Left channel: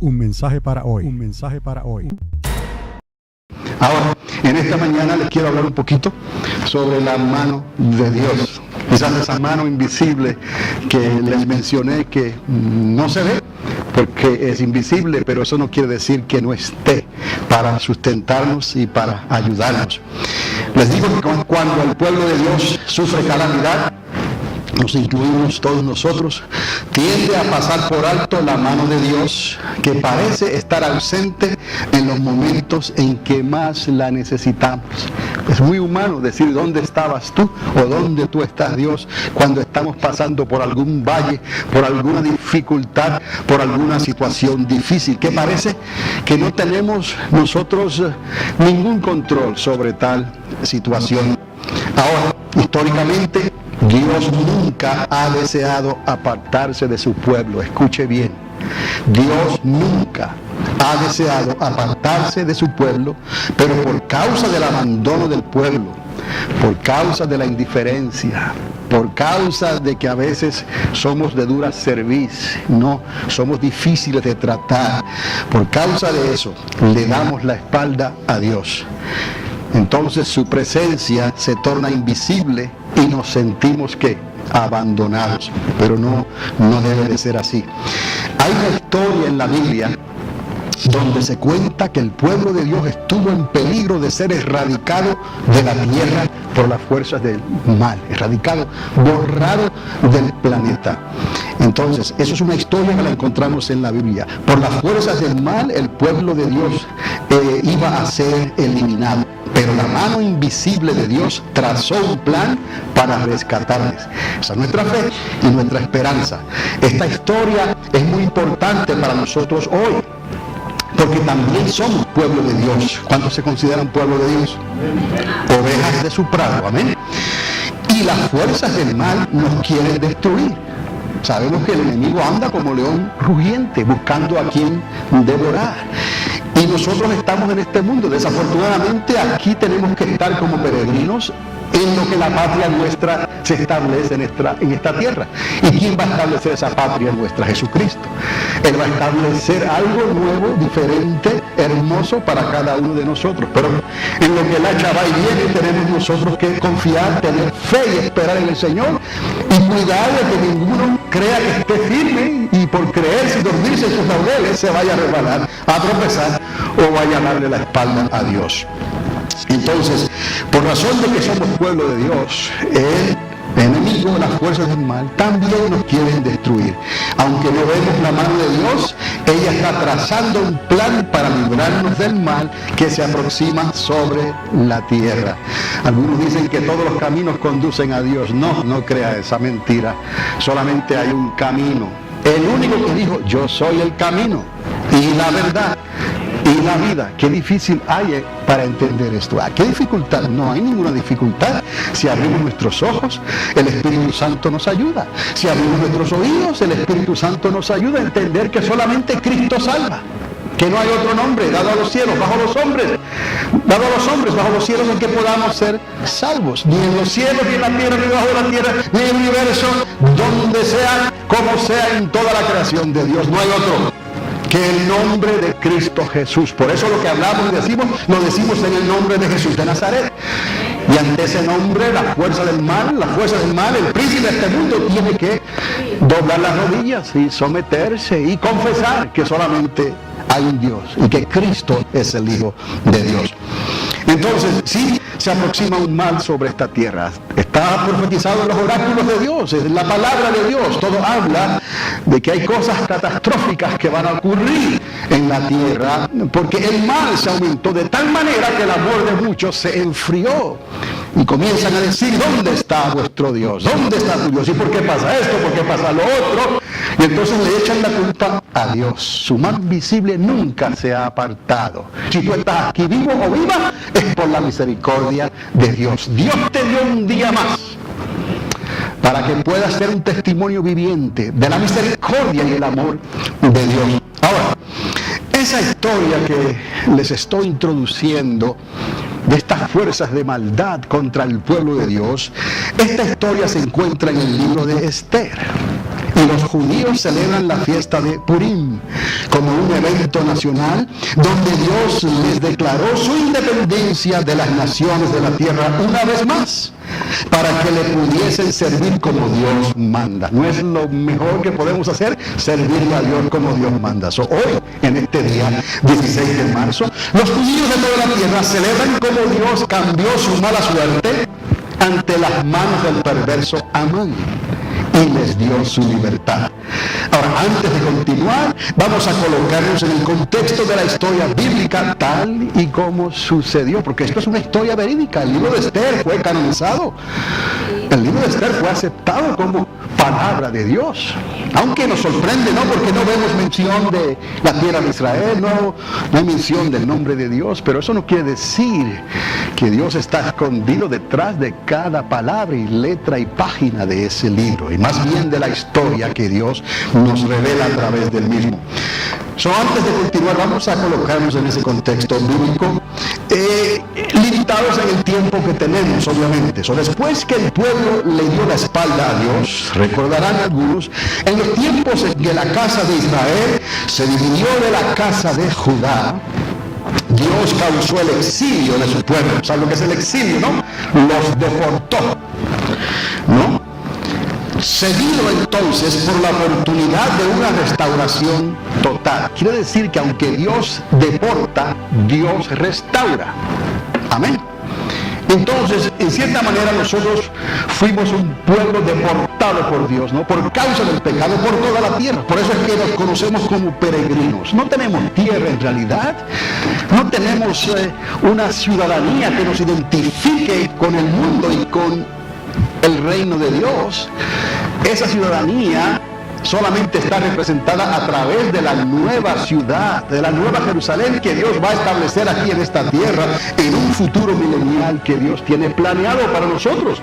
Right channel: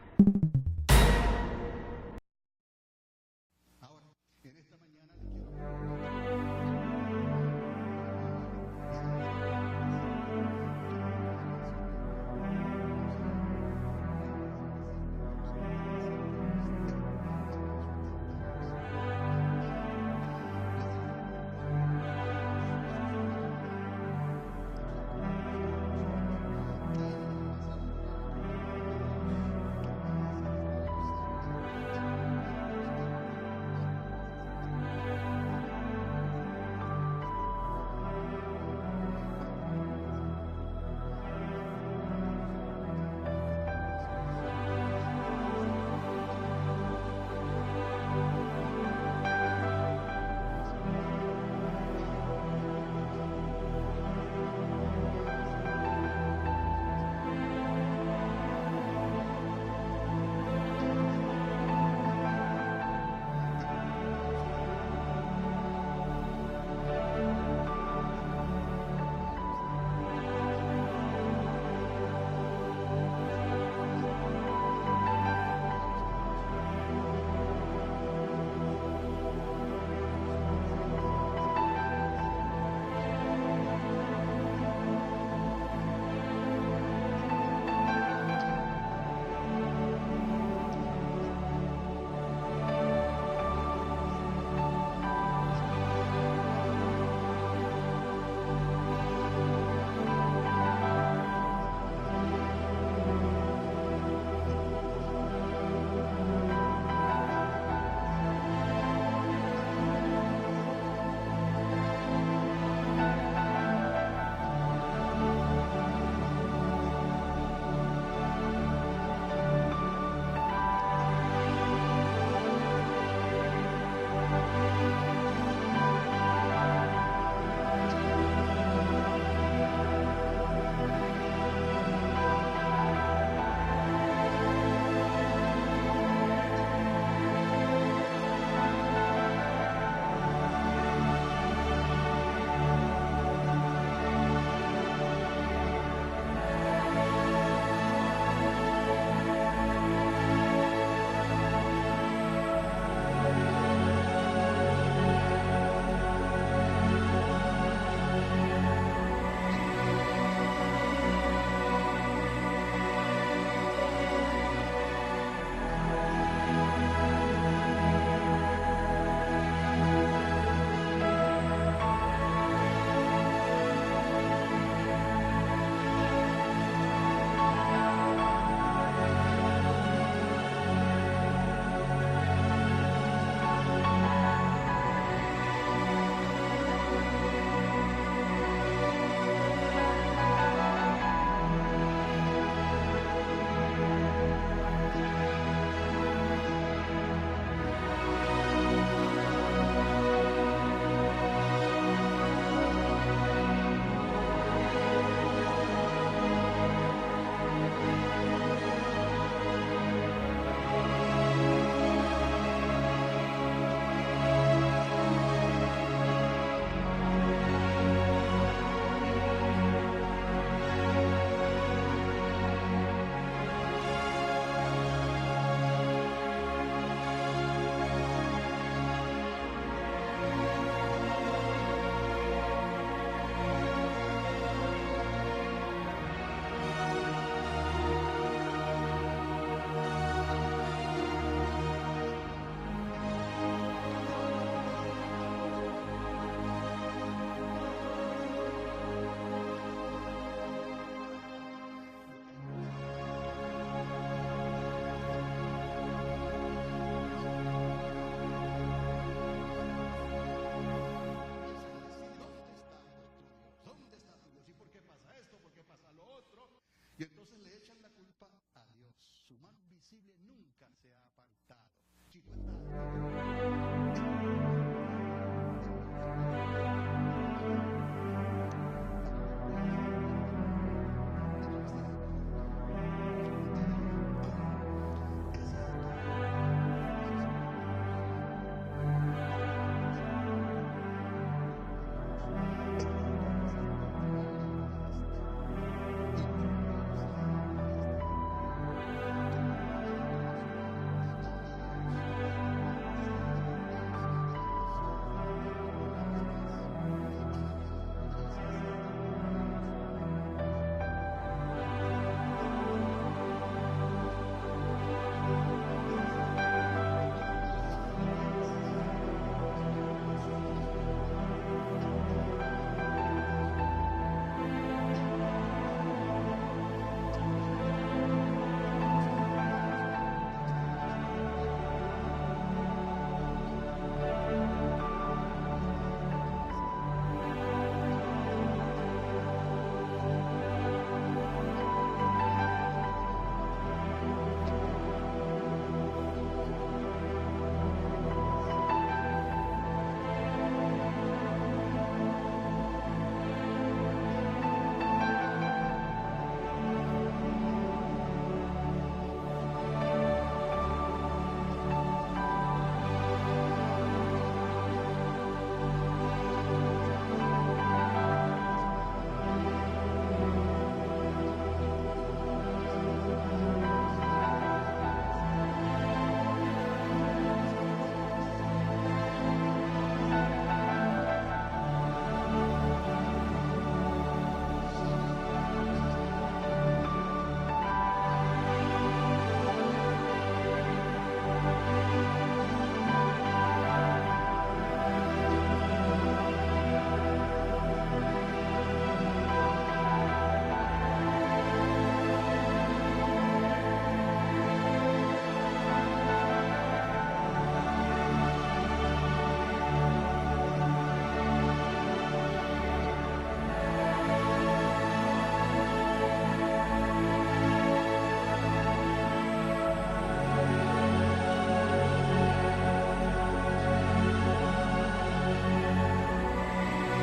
Un mensaje para hoy. Un mensaje para hoy. Ahora, en esta mañana les quiero hablar un poquito sobre la mano de Dios. Quizás esa mano invisible que les mencioné que no se ve porque es invisible, pero eso no quiere decir que no esté para sustentarnos y para ayudarnos. Les digo que cuando el pueblo de Dios sufre calamidad, nos incluimos todos nosotros, tiende a pasar por alto la mano de Dios, que parece estar ausente en los momentos en que más la necesitamos. Es muy humano decir dónde estabas tú o dónde tú estás, Dios, cuando estamos pasando por algún valle, por alguna dificultad, por alguna situación difícil, que parece que no tenemos nosotros ningún control sobre tal situación. Ahora, históricamente, Dios nunca ha deseado apartarse de su pueblo. Escuche bien. Dios nunca ha deseado apartarse de su pueblo, pero por causa del abandono del pueblo, por causa de la indiferencia, por causa de que a veces somos de dura cerviz, no, somos difíciles de tratar, por causa de eso le damos la espalda a Dios. Entonces su presencia se torna invisible y nos sentimos que abandonados, pero no debe de ser así. Hay una historia en la Biblia donde se cuenta que el pueblo de Dios estuvo en peligro de ser erradicado de la tierra por las fuerzas del mal, erradicado, borrado del planeta. Entonces, eso es una historia que la encontramos en la Biblia. Por las fuerzas del mal, el pueblo de Dios iba a ser eliminado. Pero la mano invisible de Dios trazó un plan para rescatarles. Esa es nuestra fe y nuestra esperanza. Esta historia es muy importante para nosotros hoy, porque también somos pueblo de Dios. ¿Cuántos se consideran pueblo de Dios? Ovejas de su prado, amén. Y las fuerzas del mal nos quieren destruir. Sabemos que el enemigo anda como león rugiente, buscando a quien devorar. Y nosotros estamos en este mundo. Desafortunadamente aquí tenemos que estar como peregrinos en lo que la patria nuestra se establece en esta tierra. ¿Y quién va a establecer esa patria nuestra? Jesucristo. Él va a establecer algo nuevo, diferente, hermoso para cada uno de nosotros. Pero en lo que el hacha va y viene tenemos nosotros que confiar, tener fe y esperar en el Señor y cuidar de que ninguno crea que esté firme y por creerse y dormirse en sus laureles se vaya a resbalar, a tropezar o vaya a darle la espalda a Dios. Entonces, por razón de que somos pueblo de Dios, el enemigo, las fuerzas del mal, también nos quieren destruir. Aunque no vemos la mano de Dios, ella está trazando un plan para librarnos del mal que se aproxima sobre la tierra. Algunos dicen que todos los caminos conducen a Dios. No crea esa mentira. Solamente hay un camino. El único que dijo, yo soy el camino y la verdad y la vida. Qué difícil hay para entender esto. ¿Qué dificultad? No hay ninguna dificultad. Si abrimos nuestros ojos, el Espíritu Santo nos ayuda. Si abrimos nuestros oídos, el Espíritu Santo nos ayuda a entender que solamente Cristo salva. Que no hay otro nombre dado a los cielos, bajo los hombres, bajo los cielos en que podamos ser salvos. Ni en los cielos, ni en la tierra, ni debajo de la tierra, ni en el universo, donde sea, como sea en toda la creación de Dios. No hay otro que el nombre de Cristo Jesús. Por eso lo que hablamos y decimos, lo decimos en el nombre de Jesús de Nazaret. Y ante ese nombre, la fuerza del mal, el príncipe de este mundo tiene que doblar las rodillas y someterse y confesar que solamente hay un Dios y que Cristo es el Hijo de Dios. Entonces, sí se aproxima un mal sobre esta tierra. Está profetizado en los oráculos de Dios, en la palabra de Dios. Todo habla de que hay cosas catastróficas que van a ocurrir en la tierra, porque el mal se aumentó de tal manera que el amor de muchos se enfrió. Y comienzan a decir, ¿dónde está vuestro Dios? ¿Dónde está tu Dios? ¿Y por qué pasa esto? ¿Por qué pasa lo otro? Y entonces le echan la culpa a Dios. Su mano visible nunca se ha apartado. Si tú estás aquí vivo o viva, es por la misericordia de Dios. Dios te dio un día más para que puedas ser un testimonio viviente de la misericordia y el amor de Dios. Ahora, esa historia que les estoy introduciendo de estas fuerzas de maldad contra el pueblo de Dios, esta historia se encuentra en el libro de Esther. Y los judíos celebran la fiesta de Purim como un evento nacional donde Dios les declaró su independencia de las naciones de la tierra una vez más, para que le pudiesen servir como Dios manda. ¿No es lo mejor que podemos hacer? Servirle a Dios como Dios manda. Hoy, en este día 16 de marzo, los judíos de toda la tierra celebran como Dios cambió su mala suerte ante las manos del perverso Amán y les dio su libertad. Ahora, antes de continuar, vamos a colocarnos en el contexto de la historia bíblica tal y como sucedió, porque esto es una historia verídica. El libro de Esther fue canonizado. El libro de Esther fue aceptado como palabra de Dios. Aunque nos sorprende, ¿no? Porque no vemos mención de la tierra de Israel, no hay mención del nombre de Dios, pero eso no quiere decir que Dios está escondido detrás de cada palabra y letra y página de ese libro, y más bien de la historia que Dios nos revela a través del mismo. Antes de continuar, vamos a colocarnos en ese contexto bíblico, limitados en el tiempo que tenemos, obviamente. Después que el pueblo le dio la espalda a Dios, recordarán algunos, en los tiempos en que la casa de Israel se dividió de la casa de Judá, Dios causó el exilio de su pueblo. ¿Saben lo que es el exilio, no? Los deportó, ¿no? Seguido entonces por la oportunidad de una restauración total. Quiere decir que aunque Dios deporta, Dios restaura. Amén. Entonces, en cierta manera nosotros fuimos un pueblo deportado por Dios, ¿no? Por causa del pecado por toda la tierra. Por eso es que nos conocemos como peregrinos. No tenemos tierra en realidad. No tenemos una ciudadanía que nos identifique con el mundo y con el reino de Dios. Esa ciudadanía solamente está representada a través de la nueva ciudad, de la nueva Jerusalén que Dios va a establecer aquí en esta tierra en un futuro milenial que Dios tiene planeado para nosotros.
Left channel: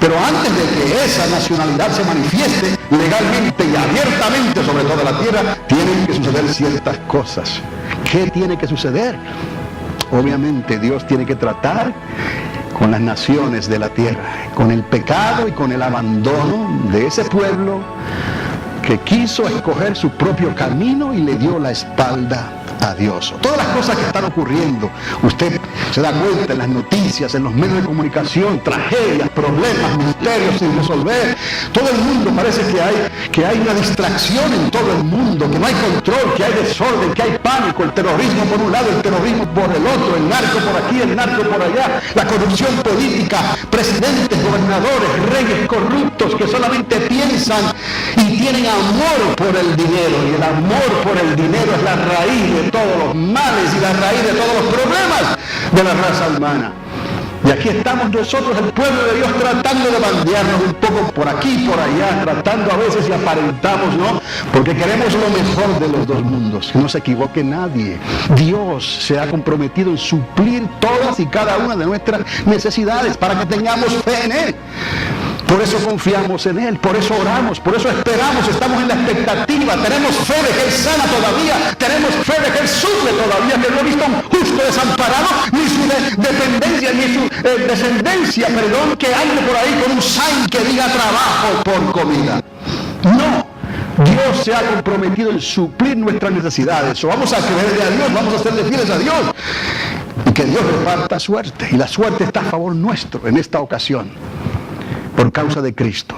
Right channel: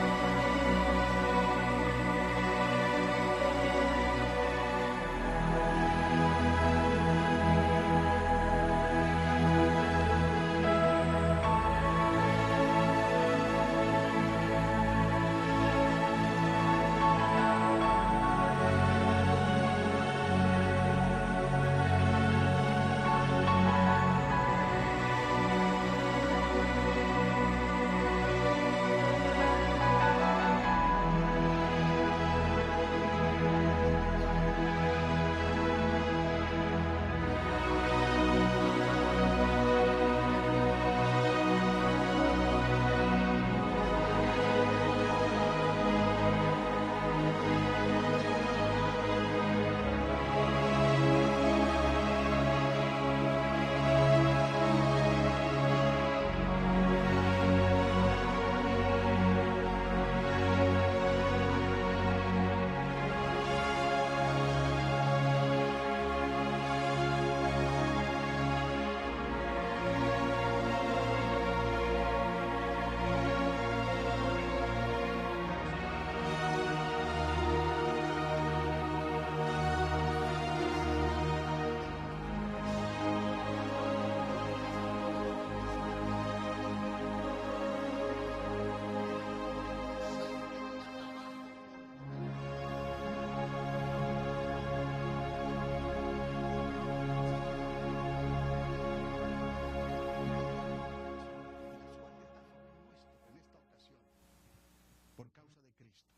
Pero antes de que esa nacionalidad se manifieste legalmente y abiertamente sobre toda la tierra, tienen que suceder ciertas cosas. ¿Qué tiene que suceder? Obviamente Dios tiene que tratar con las naciones de la tierra, con el pecado y con el abandono de ese pueblo que quiso escoger su propio camino y le dio la espalda a Dios. Todas las cosas que están ocurriendo, usted se da cuenta en las noticias, en los medios de comunicación, tragedias, problemas, misterios sin resolver. Todo el mundo parece que hay una distracción en todo el mundo, que no hay control, que hay desorden, que hay pánico, el terrorismo por un lado, el terrorismo por el otro, el narco por aquí, el narco por allá, la corrupción política, presidentes, gobernadores, reyes corruptos que solamente piensan y tienen amor por el dinero, y el amor por el dinero es la raíz de todos los males y la raíz de todos los problemas de la raza humana. Y aquí estamos nosotros, el pueblo de Dios, tratando de bandearnos un poco por aquí, por allá, tratando a veces y aparentamos, ¿no? Porque queremos lo mejor de los dos mundos, que no se equivoque nadie. Dios se ha comprometido en suplir todas y cada una de nuestras necesidades para que tengamos fe en Él. Por eso confiamos en Él, por eso oramos, por eso esperamos, estamos en la expectativa, tenemos fe de que Él sana todavía, tenemos fe de que Él suple todavía, que no he visto un justo desamparado, ni su dependencia, ni su descendencia, que ande por ahí con un sign que diga trabajo por comida. No. Dios se ha comprometido en suplir nuestras necesidades. O vamos a creerle a Dios, vamos a serle fieles a Dios. Y que Dios reparta suerte. Y la suerte está a favor nuestro en esta ocasión. Por causa de Cristo.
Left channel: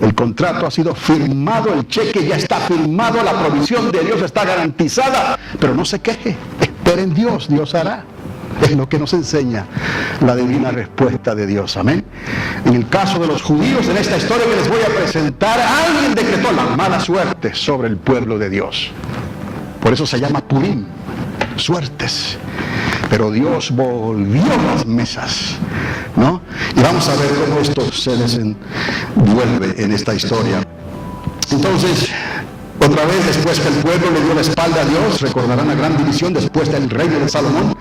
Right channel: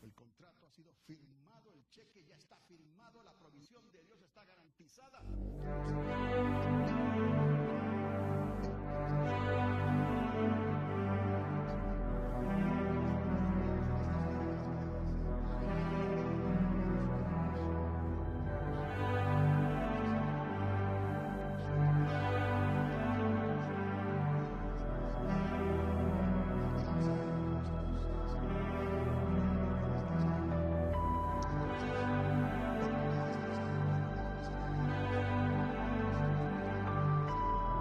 El contrato ha sido firmado, el cheque ya está firmado, la provisión de Dios está garantizada. Pero no se queje, espere en Dios, Dios hará. Es lo que nos enseña la divina respuesta de Dios. Amén. En el caso de los judíos, en esta historia que les voy a presentar, alguien decretó la mala suerte sobre el pueblo de Dios. Por eso se llama Purim, suertes. Pero Dios volvió las mesas, ¿no? Y vamos a ver cómo esto se desenvuelve en esta historia. Entonces, otra vez, después que el pueblo le dio la espalda a Dios, recordarán la gran división después del reino de Salomón.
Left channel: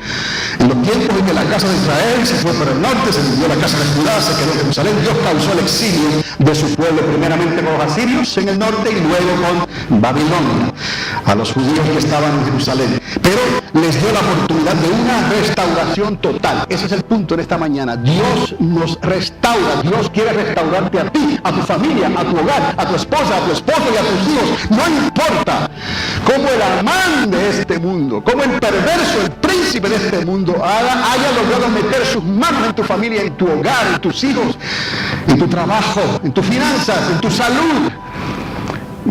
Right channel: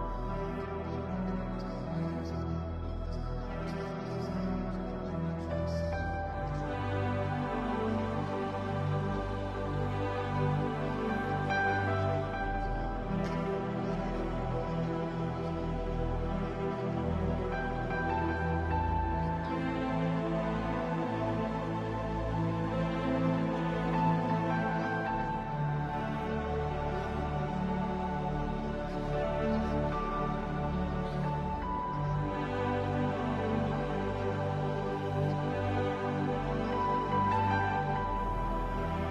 En los tiempos en que la casa de Israel se fue para el norte, se dividió la casa de Judá, se quedó en Jerusalén, Dios causó el exilio de su pueblo, primeramente con los asirios en el norte y luego con Babilonia, a los judíos que estaban en Jerusalén. Pero les dio la oportunidad de una restauración total. Ese es el punto en esta mañana. Dios nos restaura. Dios quiere restaurarte a ti, a tu familia, a tu hogar, a tu esposa, a tu esposo y a tus hijos. No importa cómo el amán de este mundo, cómo el perverso, el príncipe de este mundo haya logrado meter sus manos en tu familia, en tu hogar, en tus hijos, en tu trabajo, en tus finanzas, en tu salud,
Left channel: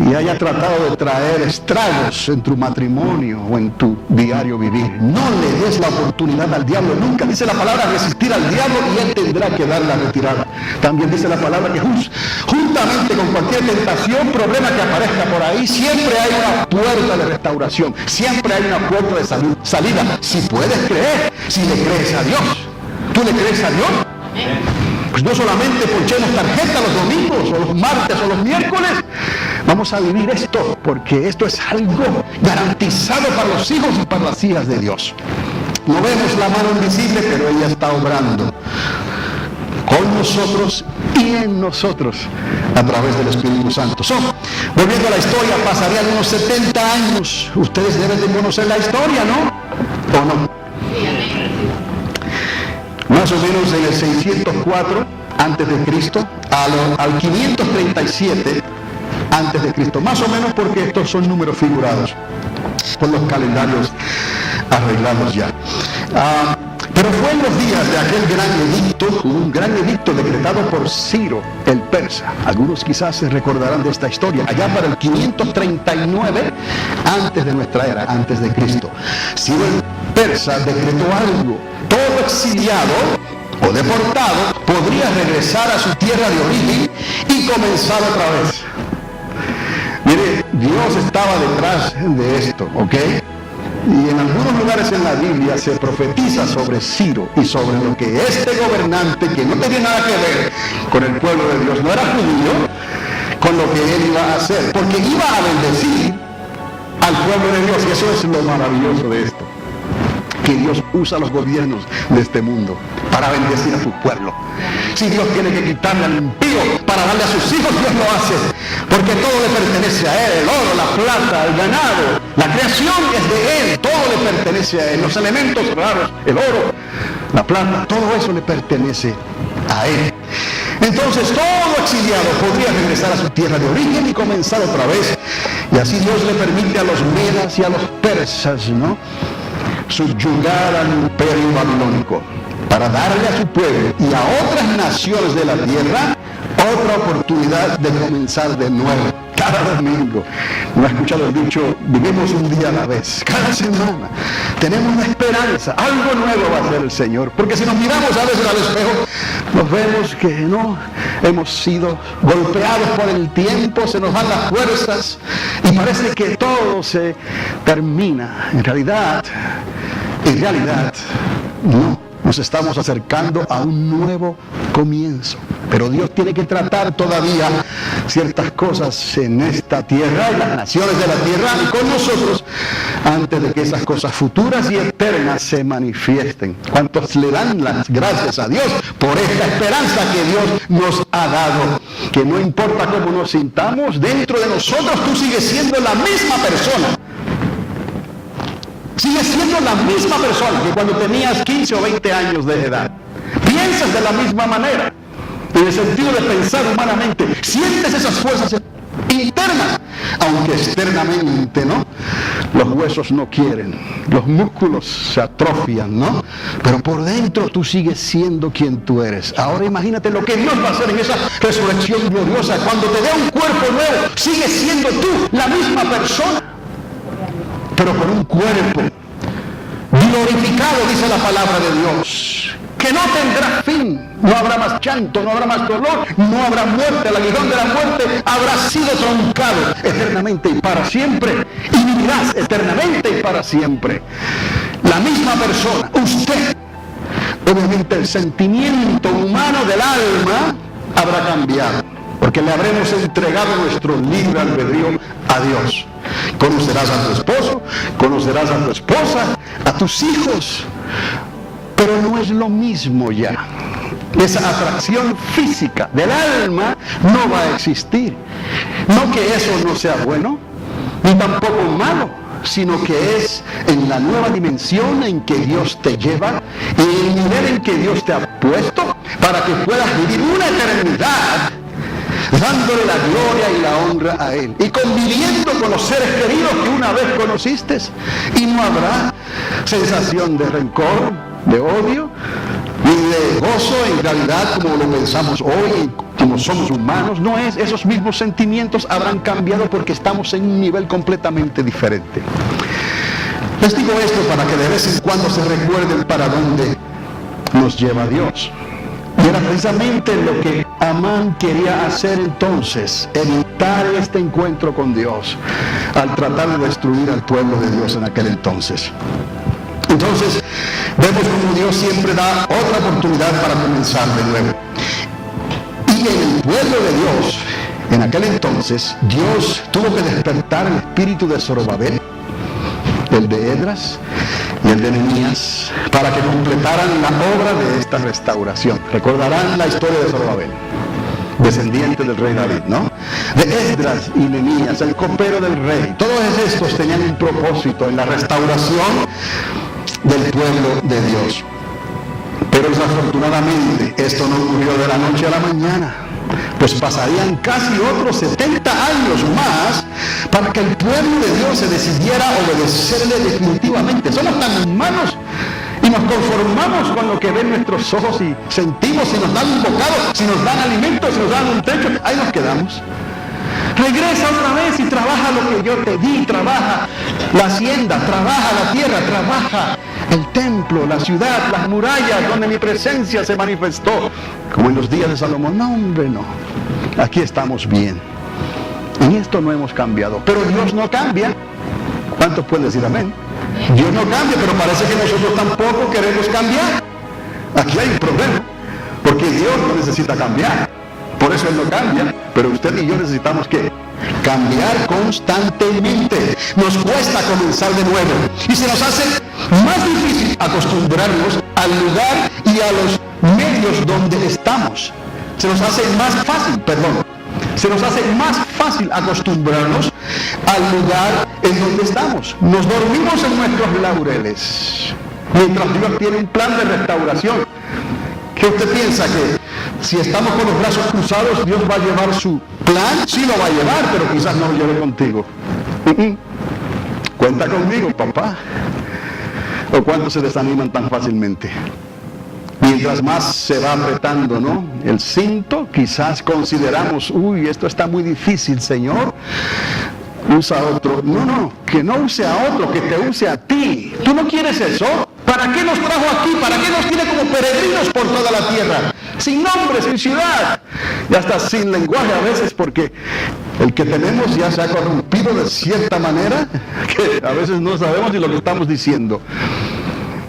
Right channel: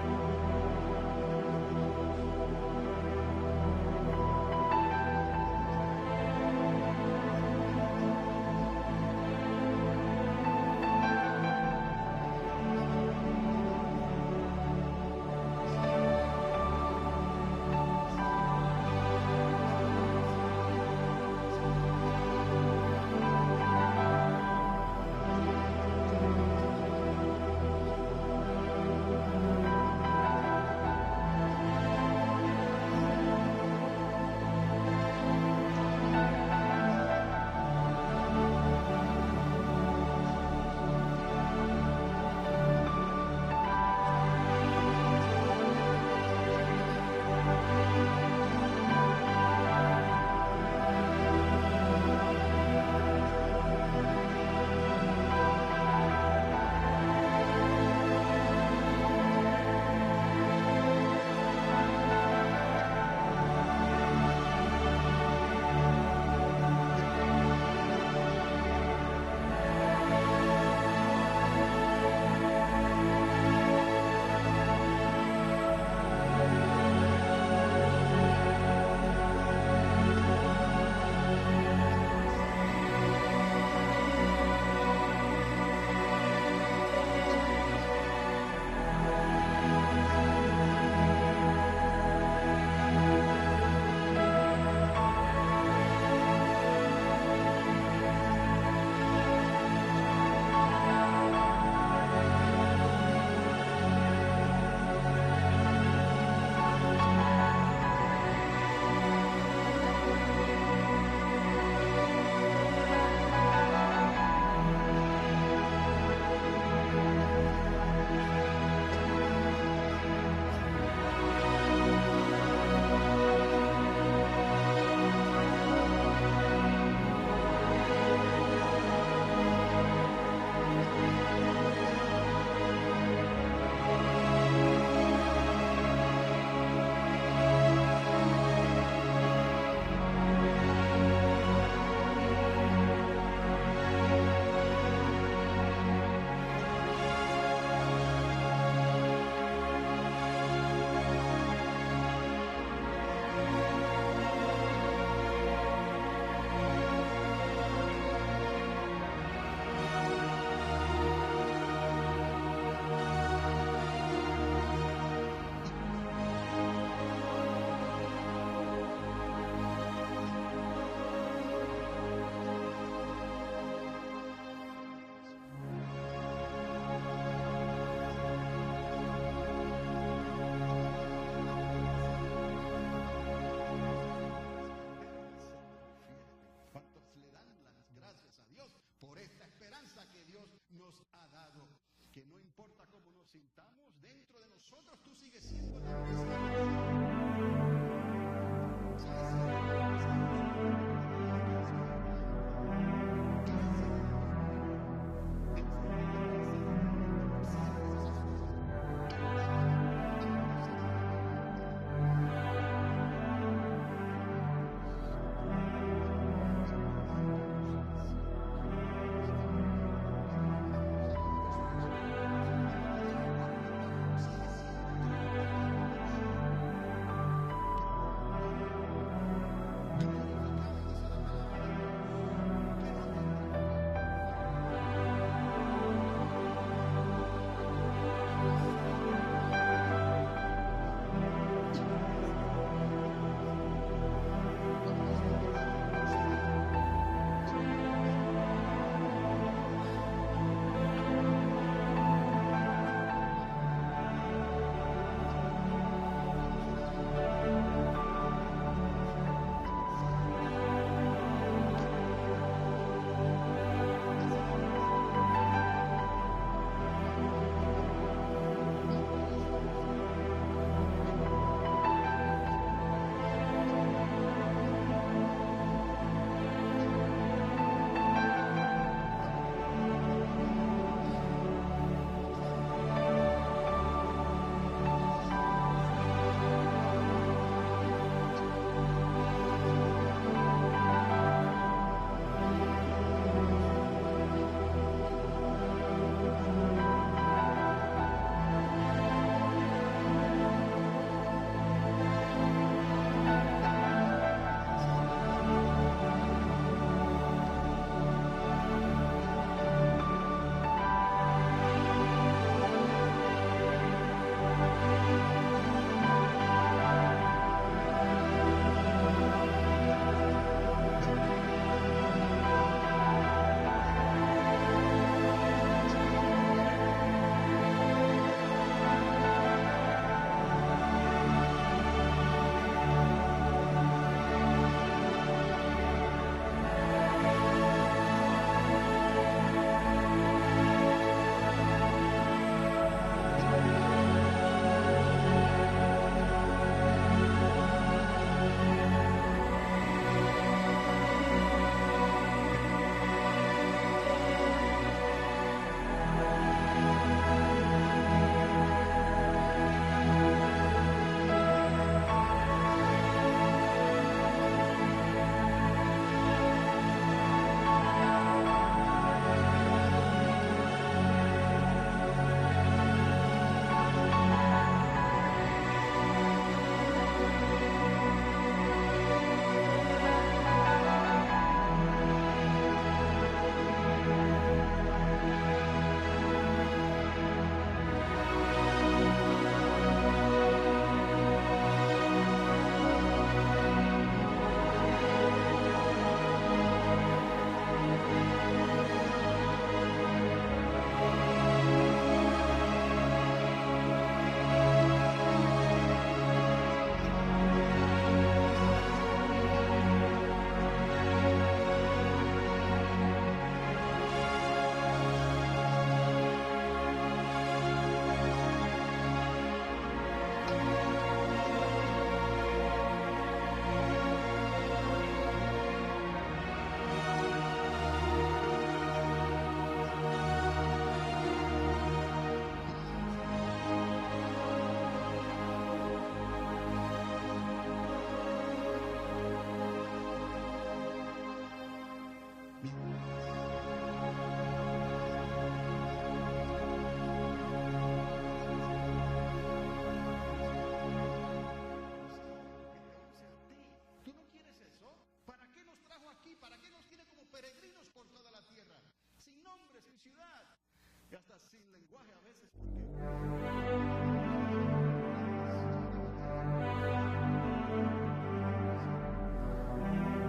y haya tratado de traer estragos en tu matrimonio o en tu diario vivir. No le des la oportunidad al diablo. Nunca dice la palabra resistir al diablo y él tendrá que dar la retirada. También dice la palabra que juntamente con cualquier tentación, problema que aparezca por ahí, siempre hay una puerta de restauración, siempre hay una puerta de salida. Si puedes creer, si le crees a Dios. ¿Tú le crees a Dios? Pues no solamente ponchemos tarjeta los domingos o los martes o los miércoles. Vamos a vivir esto, porque esto es algo garantizado para los hijos y para las hijas de Dios. No vemos la mano invisible, pero ella está obrando con nosotros y en nosotros a través del Espíritu Santo. Volviendo a la historia, pasarían unos 70 años. Ustedes deben de conocer la historia, ¿no? ¿O no? Más o menos en el 604 antes de Cristo al 537 antes de Cristo, más o menos, porque estos son números figurados por los calendarios arreglados ya. Pero fue en los días de aquel gran edicto, un gran edicto decretado por Ciro el persa. Algunos quizás se recordarán de esta historia, allá para el 539 antes de nuestra era, antes de Cristo. Ciro el persa decretó algo: todo exiliado o deportado podría regresar a su tierra de origen y comenzar otra vez. Mire, Dios estaba detrás de esto, ¿ok? Y en algunos lugares en la Biblia se profetiza sobre Ciro y sobre lo que este gobernante, que no tenía nada que ver con el pueblo de Dios, no era judío, con lo que él iba a hacer, porque iba a bendecir al pueblo de Dios. Y eso es lo maravilloso de esto, que Dios usa los gobiernos de este mundo para bendecir a su pueblo. Si Dios tiene que quitarle al impío para darle a sus hijos, Dios lo hace, porque todo le pertenece a Él: el oro, la plata, el ganado, la creación es de Él, todo le pertenece a Él, los elementos raros, el oro, la plata, todo eso le pertenece a Él. Entonces todo exiliado podría regresar a su tierra de origen y comenzar otra vez, y así Dios le permite a los medas y a los persas, ¿no?, subyugar al imperio babilónico, para darle a su pueblo y a otras naciones de la tierra otra oportunidad de comenzar de nuevo. Cada domingo, ¿no ha escuchado el dicho? Vivimos un día a la vez. Cada semana tenemos una esperanza, algo nuevo va a hacer el Señor, porque si nos miramos a veces al espejo, nos vemos que no hemos sido golpeados por el tiempo, se nos van las fuerzas y parece que todo se termina. En realidad no. Nos estamos acercando a un nuevo comienzo, pero Dios tiene que tratar todavía ciertas cosas en esta tierra y las naciones de la tierra y con nosotros antes de que esas cosas futuras y eternas se manifiesten. ¿Cuántos le dan las gracias a Dios por esta esperanza que Dios nos ha dado? Que no importa cómo nos sintamos, dentro de nosotros tú sigues siendo la misma persona. Sigues siendo la misma persona que cuando tenías 15 o 20 años de edad. Piensas de la misma manera, en el sentido de pensar humanamente. Sientes esas fuerzas internas, aunque externamente, ¿no? Los huesos no quieren, los músculos se atrofian, ¿no? Pero por dentro tú sigues siendo quien tú eres. Ahora imagínate lo que Dios va a hacer en esa resurrección gloriosa. Cuando te dé un cuerpo nuevo, sigues siendo tú la misma persona, pero con un cuerpo glorificado, dice la palabra de Dios, que no tendrá fin. No habrá más llanto, no habrá más dolor, no habrá muerte. El aguijón de la muerte habrá sido truncado eternamente y para siempre, y vivirás eternamente y para siempre. La misma persona, usted. Obviamente el sentimiento humano del alma habrá cambiado, porque le habremos entregado nuestro libre albedrío a Dios. Conocerás a tu esposo, conocerás a tu esposa, a tus hijos, pero no es lo mismo ya. esa atracción física del alma no va a existir. No que eso no sea bueno, ni tampoco malo, sino que es en la nueva dimensión en que Dios te lleva y el nivel en que Dios te ha puesto para que puedas vivir una eternidad dándole la gloria y la honra a Él y conviviendo con los seres queridos que una vez conociste, y no habrá sensación de rencor, de odio ni de gozo en realidad como lo pensamos hoy, como somos humanos. No es, esos mismos sentimientos habrán cambiado porque estamos en un nivel completamente diferente. Les digo esto para que de vez en cuando se recuerden para dónde nos lleva Dios. Y era precisamente lo que Amán quería hacer entonces, evitar este encuentro con Dios, al tratar de destruir al pueblo de Dios en aquel entonces. Entonces, vemos como Dios siempre da otra oportunidad para comenzar de nuevo. Y en el pueblo de Dios, en aquel entonces, Dios tuvo que despertar el espíritu de Zorobabel, el de Esdras y el de Nehemías, para que completaran la obra de esta restauración. Recordarán la historia de Zorobabel, descendiente del rey David, ¿no? De Esdras y Nehemías, el copero del rey. Todos estos tenían un propósito en la restauración del pueblo de Dios. Pero desafortunadamente esto no ocurrió de la noche a la mañana, pues pasarían casi otros 70 años más para que el pueblo de Dios se decidiera a obedecerle definitivamente. Somos tan humanos y nos conformamos con lo que ven nuestros ojos y sentimos. Si nos dan un bocado, si nos dan alimento, si nos dan un techo, ahí nos quedamos. Regresa otra vez y trabaja lo que yo te di, trabaja la hacienda, trabaja la tierra, trabaja el templo, la ciudad, las murallas donde mi presencia se manifestó, como en los días de Salomón. No, hombre, no. Aquí estamos bien. En esto no hemos cambiado. Pero Dios no cambia. ¿Cuántos pueden decir amén? Dios no cambia, pero parece que nosotros tampoco queremos cambiar. Aquí hay un problema, porque Dios no necesita cambiar. Por eso Él no cambia, pero usted y yo necesitamos ¿qué? Cambiar constantemente. Nos cuesta comenzar de nuevo y se nos hace más difícil acostumbrarnos al lugar y a los medios donde estamos. Se nos hace más fácil acostumbrarnos al lugar en donde estamos. Nos dormimos en nuestros laureles mientras Dios tiene un plan de restauración. ¿Qué usted piensa? Que si estamos con los brazos cruzados, Dios va a llevar su plan? Sí lo va a llevar, pero quizás no lo lleve contigo. Cuenta conmigo, papá. ¿O cuántos se desaniman tan fácilmente? Mientras más se va apretando, ¿no?, el cinto, quizás consideramos, uy, esto está muy difícil, Señor. Usa a otro. No, que no use a otro, que te use a ti. ¿Tú no quieres eso? ¿Para qué nos trajo aquí? ¿Para qué nos tiene como peregrinos por toda la tierra? Sin nombre, sin ciudad, y hasta sin lenguaje a veces, porque el que tenemos ya se ha corrompido de cierta manera, que a veces no sabemos ni lo que estamos diciendo.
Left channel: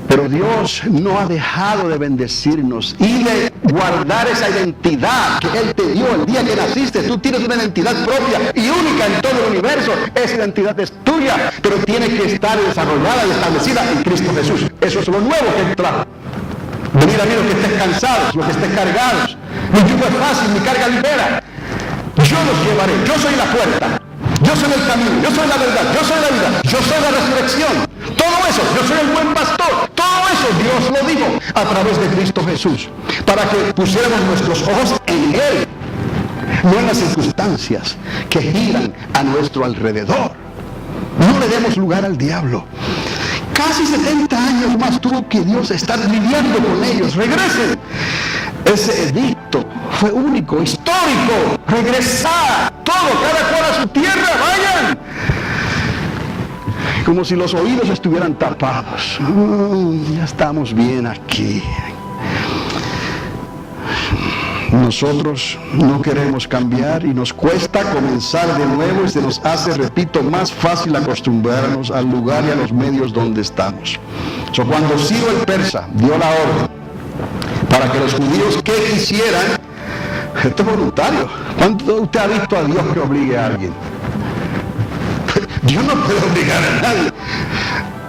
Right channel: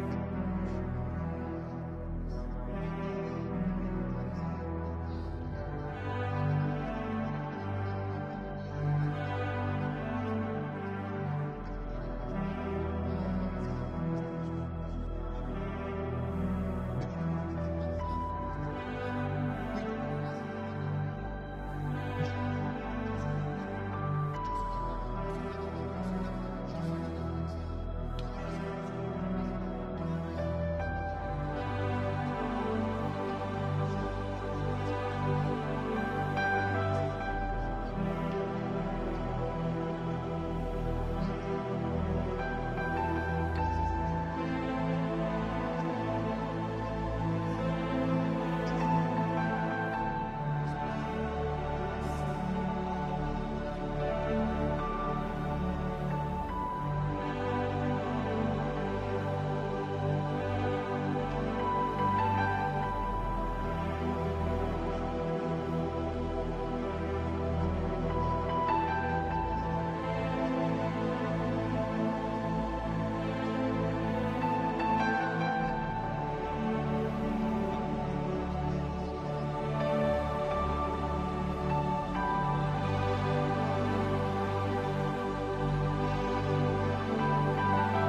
Pero Dios no ha dejado de bendecirnos y de guardar esa identidad que Él te dio el día que naciste. Tú tienes una identidad propia y única en todo el universo. Esa identidad es tuya, pero tiene que estar desarrollada y establecida en Cristo Jesús. Eso es lo nuevo que Él trajo. Venid a mí los que estés cansados, los que estés cargados. Mi yugo es fácil, mi carga ligera. Yo los llevaré, yo soy la puerta. Yo soy el camino, yo soy la verdad, yo soy la vida, yo soy la resurrección. Todo eso, yo soy el buen pastor. Todo eso Dios lo dijo a través de Cristo Jesús, para que pusiéramos nuestros ojos en Él, no en las circunstancias que giran a nuestro alrededor. No le demos lugar al diablo. Casi 70 años más tuvo que Dios estar lidiando con ellos. Regresen. Ese edicto fue único, histórico. Regresar, todo, cada cual a su tierra, vayan. Como si los oídos estuvieran tapados. Ya estamos bien aquí. Nosotros no queremos cambiar y nos cuesta comenzar de nuevo y se nos hace, repito, más fácil acostumbrarnos al lugar y a los medios donde estamos. Cuando Ciro el persa dio la orden para que los judíos que quisieran, esto es voluntario. ¿Cuánto usted ha visto a Dios que obligue a alguien? Dios no puede obligar a nadie.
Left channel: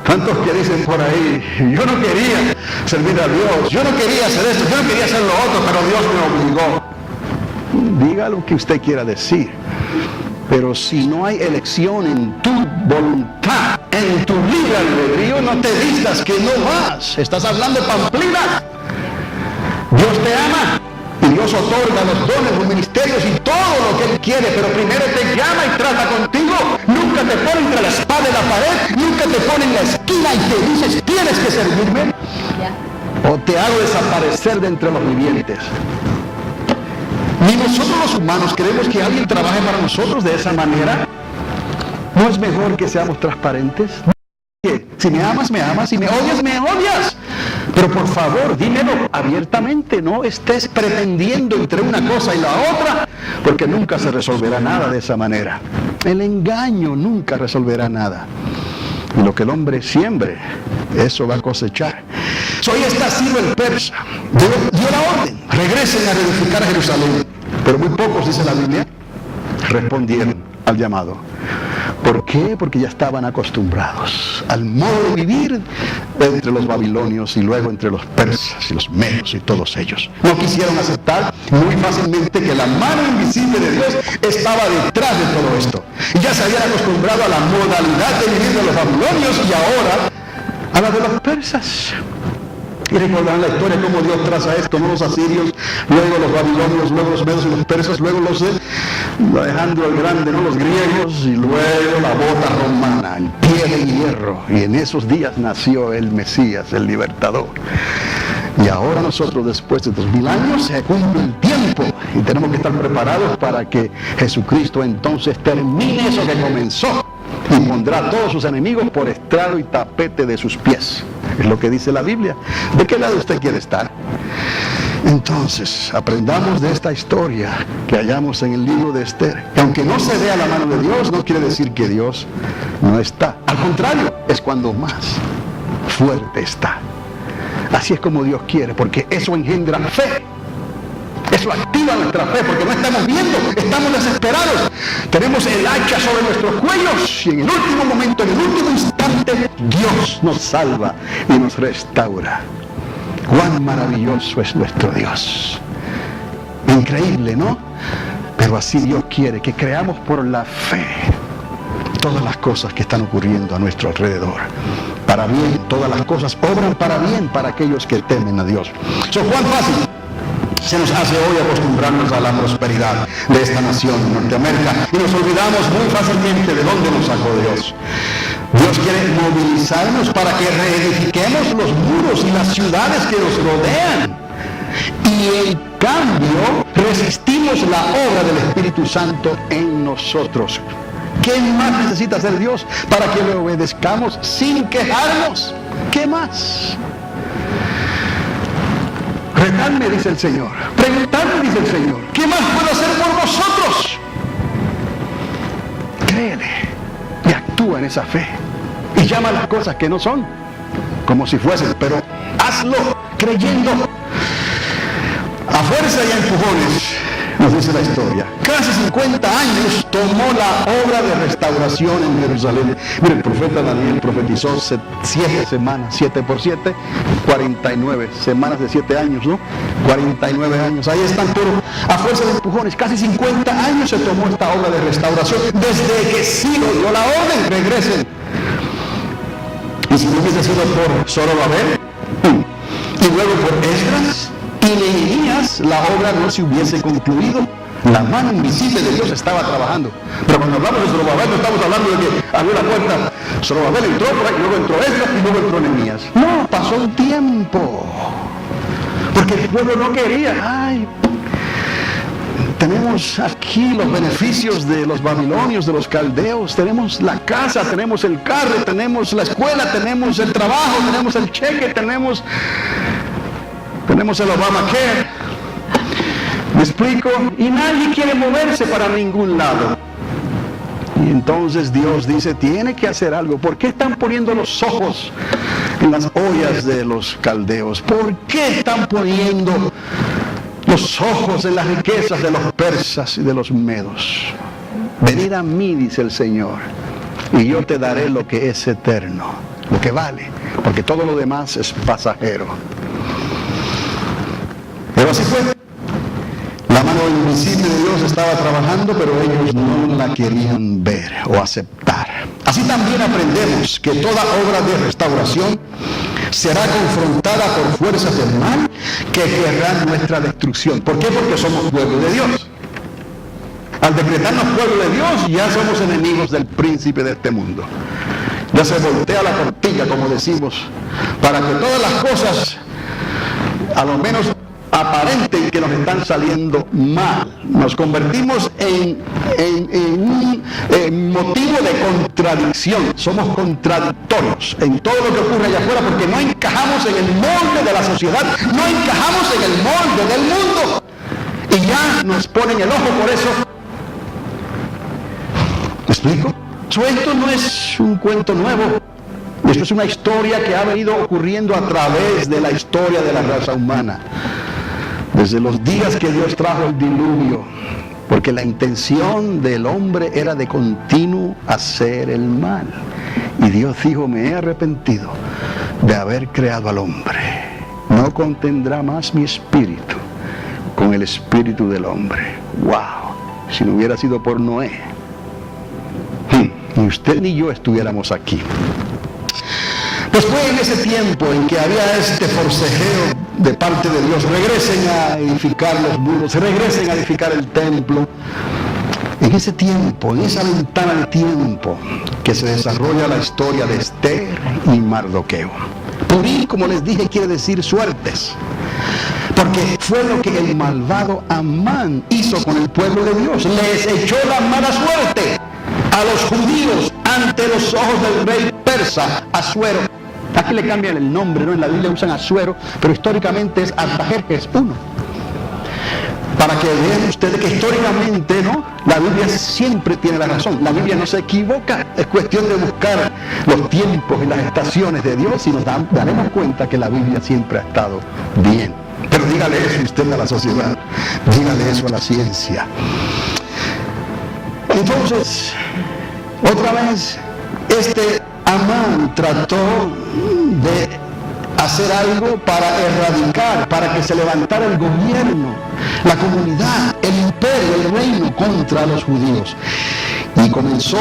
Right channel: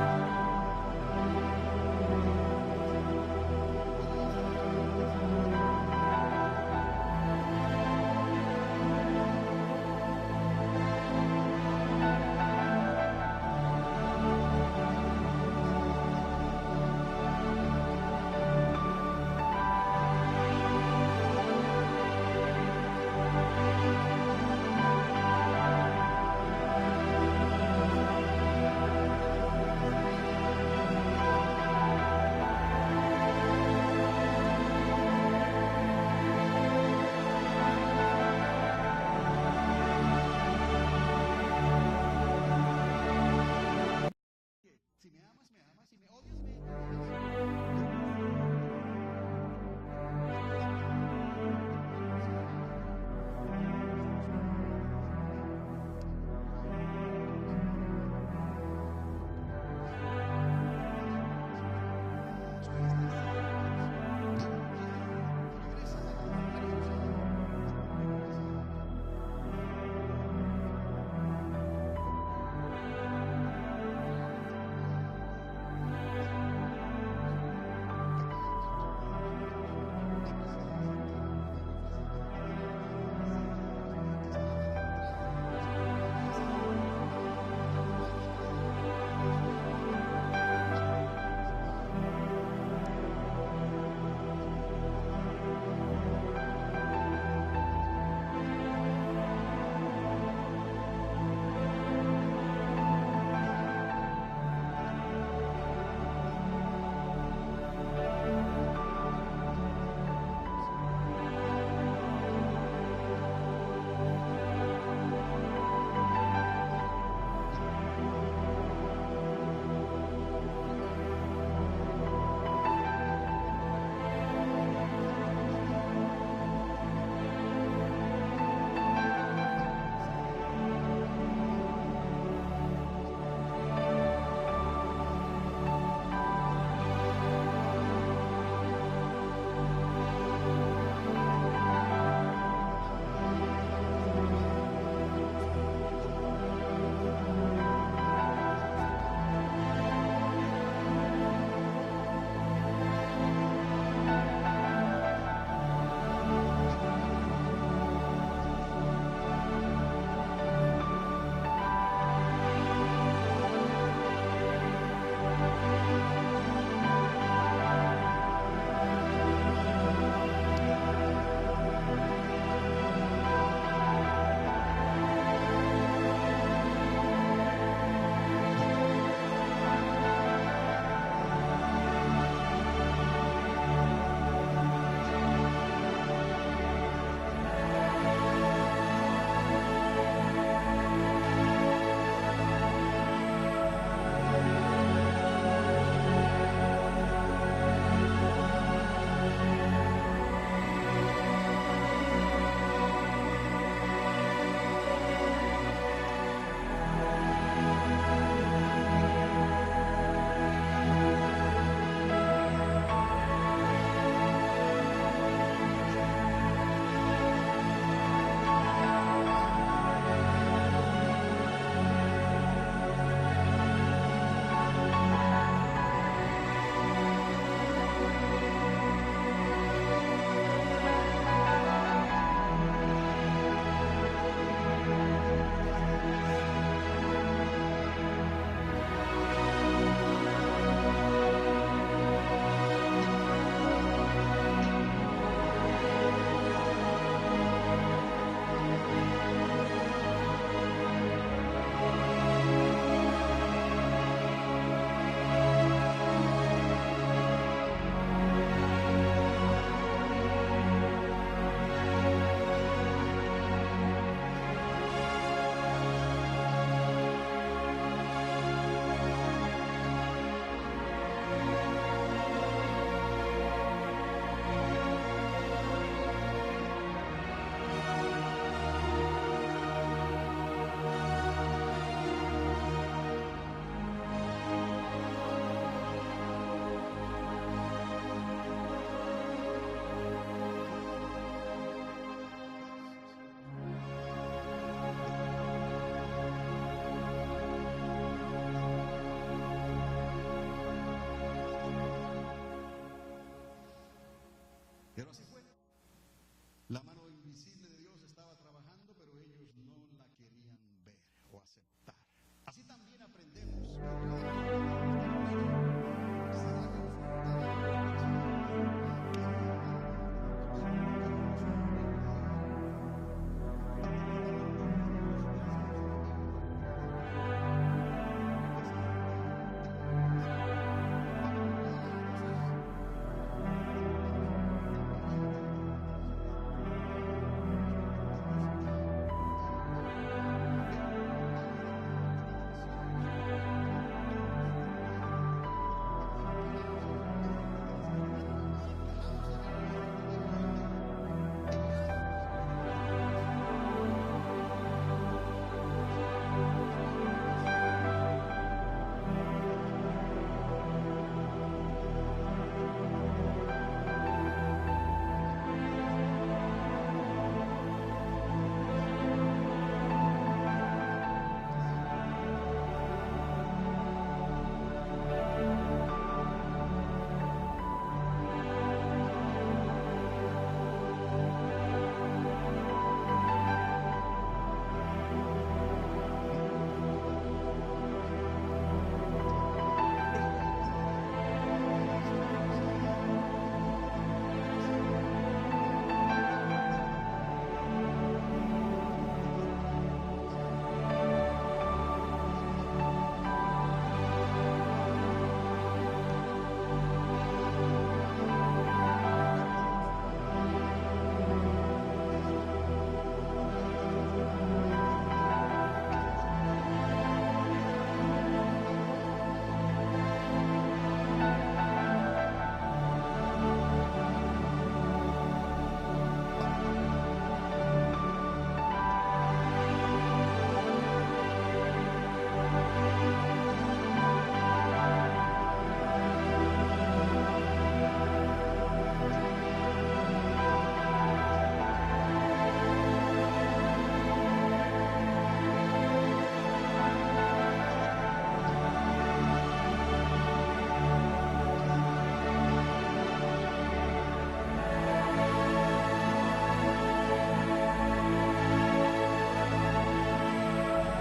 ¿Cuántos que dicen por ahí, yo no quería servir a Dios, yo no quería hacer esto, yo no quería hacer lo otro, pero Dios me obligó? Diga lo que usted quiera decir, pero si no hay elección en tu voluntad, en tu libre albedrío, no te digas que no vas. Estás hablando pamplinas. Dios te ama y Dios otorga los dones, los ministerios y todo lo que Él quiere, pero primero te llama y trata contigo. Nunca te pone entre la espada y la pared, nunca te pone en la esquina y te dices, tienes que servirme, o te hago desaparecer de entre los vivientes. Ni nosotros los humanos queremos que alguien trabaje para nosotros de esa manera. ¿No es mejor que seamos transparentes? Si me amas, me amas. Si me odias, me odias. Pero por favor, dímelo abiertamente. No estés pretendiendo entre una cosa y la otra, porque nunca se resolverá nada de esa manera. El engaño nunca resolverá nada. Y lo que el hombre siembre, eso va a cosechar. Hoy está Ciro el persa. Dio la orden. Regresen a reedificar a Jerusalén. Pero muy pocos, dice la Biblia, respondieron al llamado. ¿Por qué? Porque ya estaban acostumbrados al modo de vivir entre los babilonios y luego entre los persas y los medos y todos ellos. No quisieron aceptar muy fácilmente que la mano invisible de Dios estaba detrás de todo esto. Y ya se habían acostumbrado a la modalidad de vivir de los babilonios y ahora a la de los persas. Y recordarán la historia cómo Dios traza esto, no los asirios, luego los babilonios, luego los medos y los persas, luego los Alejandro el Grande, no los griegos, y luego la bota romana, el pie de hierro. Y en esos días nació el Mesías, el libertador. Y ahora nosotros, después de 2000 años, se cumple el tiempo y tenemos que estar preparados para que Jesucristo entonces termine eso que comenzó y pondrá a todos sus enemigos por estrado y tapete de sus pies. Es lo que dice la Biblia. ¿De qué lado usted quiere estar? Entonces, aprendamos de esta historia que hallamos en el libro de Esther. Que aunque no se vea la mano de Dios, no quiere decir que Dios no está. Al contrario, es cuando más fuerte está. Así es como Dios quiere, porque eso engendra fe. Eso activa nuestra fe, porque no estamos viendo, estamos desesperados. Tenemos el hacha sobre nuestros cuellos y en el último momento, en el último instante, Dios nos salva y nos restaura. Cuán maravilloso es nuestro Dios. Increíble, ¿no? Pero así Dios quiere que creamos por la fe todas las cosas que están ocurriendo a nuestro alrededor. Para bien, todas las cosas obran para bien para aquellos que temen a Dios. ¿Cuán fácil se nos hace hoy acostumbrarnos a la prosperidad de esta nación, Norteamérica, y nos olvidamos muy fácilmente de dónde nos sacó Dios? Dios quiere movilizarnos para que reedifiquemos los muros y las ciudades que nos rodean. Y en cambio, resistimos la obra del Espíritu Santo en nosotros. ¿Qué más necesita hacer Dios para que le obedezcamos sin quejarnos? ¿Qué más? Retadme, dice el Señor. Preguntadme, dice el Señor. ¿Qué más puedo hacer por vosotros? Créele y actúa en esa fe. Y llama las cosas que no son como si fuesen, pero hazlo creyendo. A fuerza y a empujones, nos dice la historia. Casi 50 años tomó la obra de restauración en Jerusalén. Mire, el profeta Daniel profetizó 7 semanas, 7 por 7, 49 semanas de 7 años, ¿no? 49 años. Ahí están todos, a fuerza de empujones. Casi 50 años se tomó esta obra de restauración. Desde que Ciro dio la orden, regresen. Y si no hubiese sido por Zorobabel, y luego por Esdras y Nehemías, la obra no se hubiese concluido. La mano invisible de Dios estaba trabajando. Pero cuando hablamos de Zorobabel, no estamos hablando de que abrió la puerta, Zorobabel entró por ahí, luego entró Esdras y luego entró Nehemías. No, pasó un tiempo. Porque el pueblo no quería. Ay, tenemos aquí los beneficios de los babilonios, de los caldeos. Tenemos la casa, tenemos el carro, tenemos la escuela, tenemos el trabajo, tenemos el cheque, tenemos el Obamacare. ¿Me explico? Y nadie quiere moverse para ningún lado. Y entonces Dios dice, tiene que hacer algo. ¿Por qué están poniendo los ojos en las ollas de los caldeos? ¿Por qué están poniendo los ojos en las riquezas de los persas y de los medos? Venid a mí, dice el Señor, y yo te daré lo que es eterno. lo que vale, porque todo lo demás es pasajero. Pero así fue. La mano invisible de Dios estaba trabajando, pero ellos no la querían ver o aceptar. Así también aprendemos que toda obra de restauración será confrontada por fuerzas del mal que querrán nuestra destrucción. ¿Por qué? Porque somos pueblo de Dios. Al decretarnos pueblo de Dios, ya somos enemigos del príncipe de este mundo. Ya se voltea la tortilla, como decimos, para que todas las cosas, a lo menos aparenten que nos están saliendo mal. Nos convertimos en un motivo de contradicción. Somos contradictorios en todo lo que ocurre allá afuera porque no encajamos en el molde de la sociedad, no encajamos en el molde del mundo. Y ya nos ponen el ojo por eso. ¿Me explico? Esto no es un cuento nuevo. Esto es una historia que ha venido ocurriendo a través de la historia de la raza humana. Desde los días que Dios trajo el diluvio, porque la intención del hombre era de continuo hacer el mal. Y Dios dijo, me he arrepentido de haber creado al hombre. No contendrá más mi espíritu con el espíritu del hombre. ¡Wow! Si no hubiera sido por Noé, ni usted ni yo estuviéramos aquí. Pues fue en ese tiempo en que había este forcejeo de parte de Dios. Regresen a edificar los muros, regresen a edificar el templo. En ese tiempo, en esa ventana de tiempo, que se desarrolla la historia de Esther y Mardoqueo. Purim, como les dije, quiere decir suertes. Porque fue lo que el malvado Amán hizo con el pueblo de Dios. Les echó la mala suerte a los judíos ante los ojos del rey persa, Asuero. Aquí le cambian el nombre, ¿no? En la Biblia usan Asuero, pero históricamente es Artajerjes I. Para que vean ustedes que históricamente, ¿no? La Biblia siempre tiene la razón. La Biblia no se equivoca. Es cuestión de buscar los tiempos y las estaciones de Dios y nos daremos cuenta que la Biblia siempre ha estado bien. Pero dígale eso usted a la sociedad. Dígale eso a la ciencia. Entonces, otra vez, este Amán trató de hacer algo para erradicar, para que se levantara el gobierno, la comunidad, el imperio, el reino contra los judíos. Y comenzó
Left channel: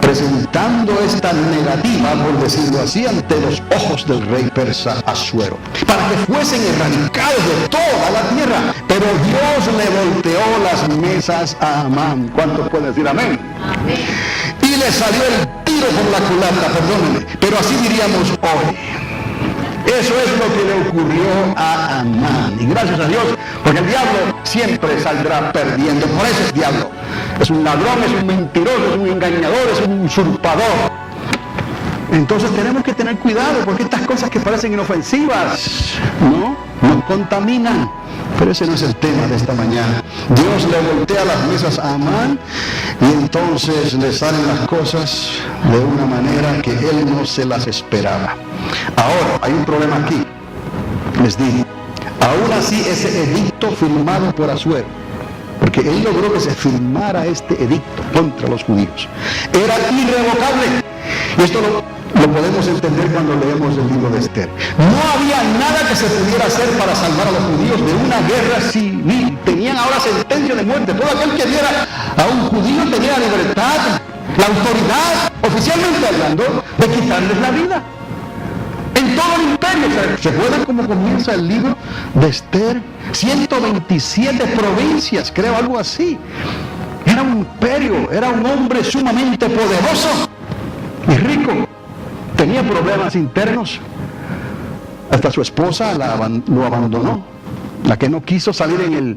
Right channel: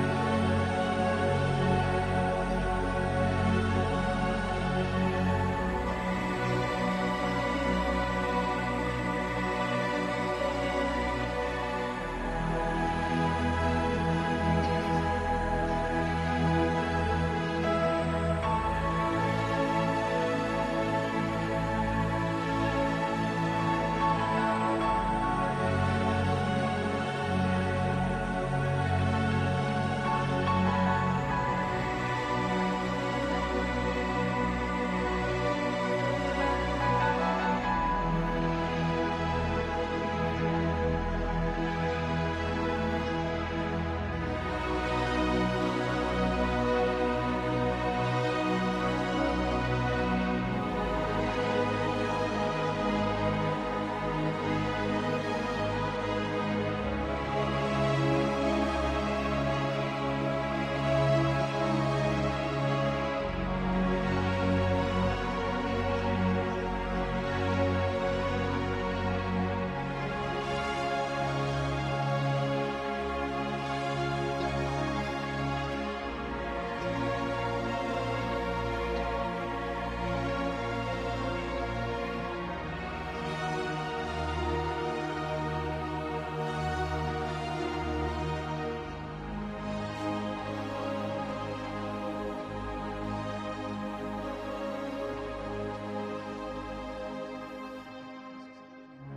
presentando esta negativa, por decirlo así, ante los ojos del rey persa Asuero, para que fuesen erradicados de toda la tierra. Pero Dios le volteó las mesas a Amán. ¿Cuántos pueden decir amén? Amén. Y le salió el tiro por la culata, perdónenme, pero así diríamos hoy. Eso es lo que le ocurrió a Amán. Y gracias a Dios, porque el diablo siempre saldrá perdiendo. Por eso es diablo. Es un ladrón, es un mentiroso, es un engañador, es un usurpador. Entonces tenemos que tener cuidado, porque estas cosas que parecen inofensivas, ¿no? Nos contaminan. Pero ese no es el tema de esta mañana. Dios le voltea las mesas a Amán y entonces le salen las cosas de una manera que él no se las esperaba. Ahora, hay un problema aquí. Les digo, aún así ese edicto firmado por Asuero, porque él logró que se firmara este edicto contra los judíos, era irrevocable. Y esto lo podemos entender cuando leemos el libro de Esther. No había nada que se pudiera hacer para salvar a los judíos de una guerra civil. Tenían ahora sentencia de muerte. Todo aquel que viera a un judío tenía la libertad, la autoridad, oficialmente hablando, de quitarles la vida. En todo el imperio. ¿Se acuerdan cómo comienza el libro de Esther? 127 provincias, creo, algo así. Era un imperio, era un hombre sumamente poderoso y rico. Tenía problemas internos. Hasta su esposa lo abandonó. La que no quiso salir en el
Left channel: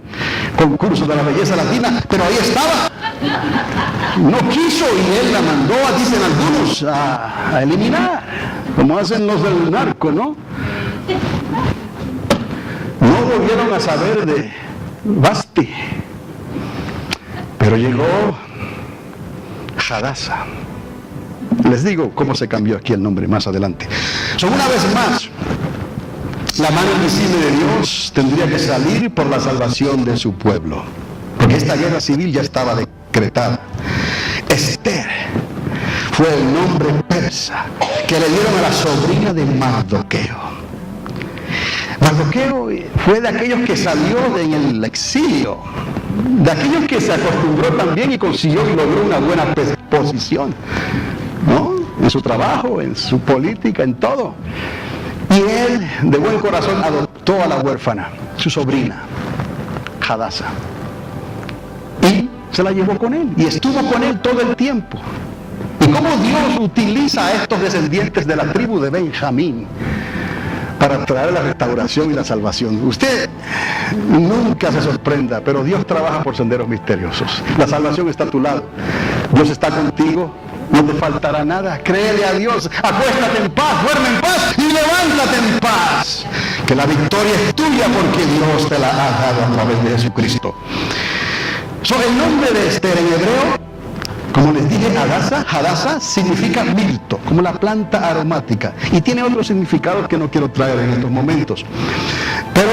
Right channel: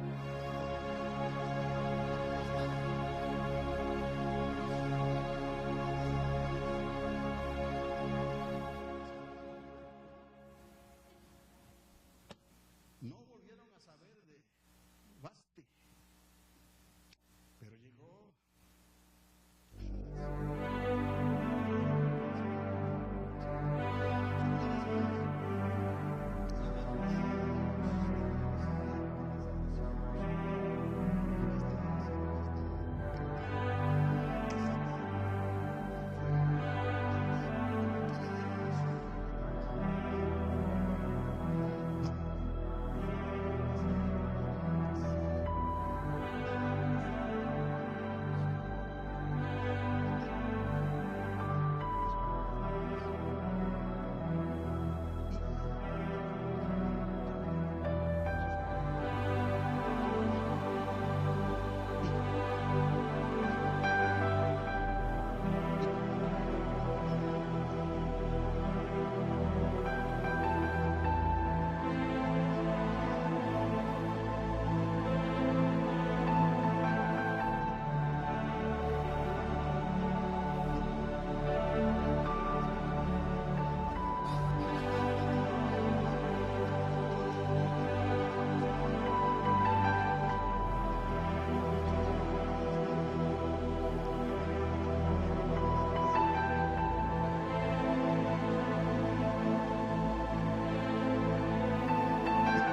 concurso de la belleza latina, pero ahí estaba. No quiso y él la mandó, dicen algunos, a eliminar, como hacen los del narco, ¿no? No volvieron a saber de Basti, pero llegó Hadassah. Les digo cómo se cambió aquí el nombre más adelante. Una vez más, la mano invisible de Dios tendría que salir por la salvación de su pueblo, porque esta guerra civil ya estaba decretada. Esther fue el nombre persa que le dieron a la sobrina de Mardoqueo. Mardoqueo fue de aquellos que salió en el exilio, de aquellos que se acostumbró también y consiguió y logró una buena posición, ¿no? En su trabajo, en su política, en todo. Y él, de buen corazón, adoptó a la huérfana, su sobrina, Hadasa. Y se la llevó con él, y estuvo con él todo el tiempo. Y cómo Dios utiliza a estos descendientes de la tribu de Benjamín para traer la restauración y la salvación. Usted nunca se sorprenda, pero Dios trabaja por senderos misteriosos. La salvación está a tu lado. Dios está contigo. No te faltará nada. Créele a Dios. Acuéstate en paz, duerme en paz y levántate en paz. Que la victoria es tuya porque Dios te la ha dado a través de Jesucristo. El nombre de Esther en hebreo, como les dije, Hadasa significa mirto, como la planta aromática. Y tiene otros significados que no quiero traer en estos momentos. Pero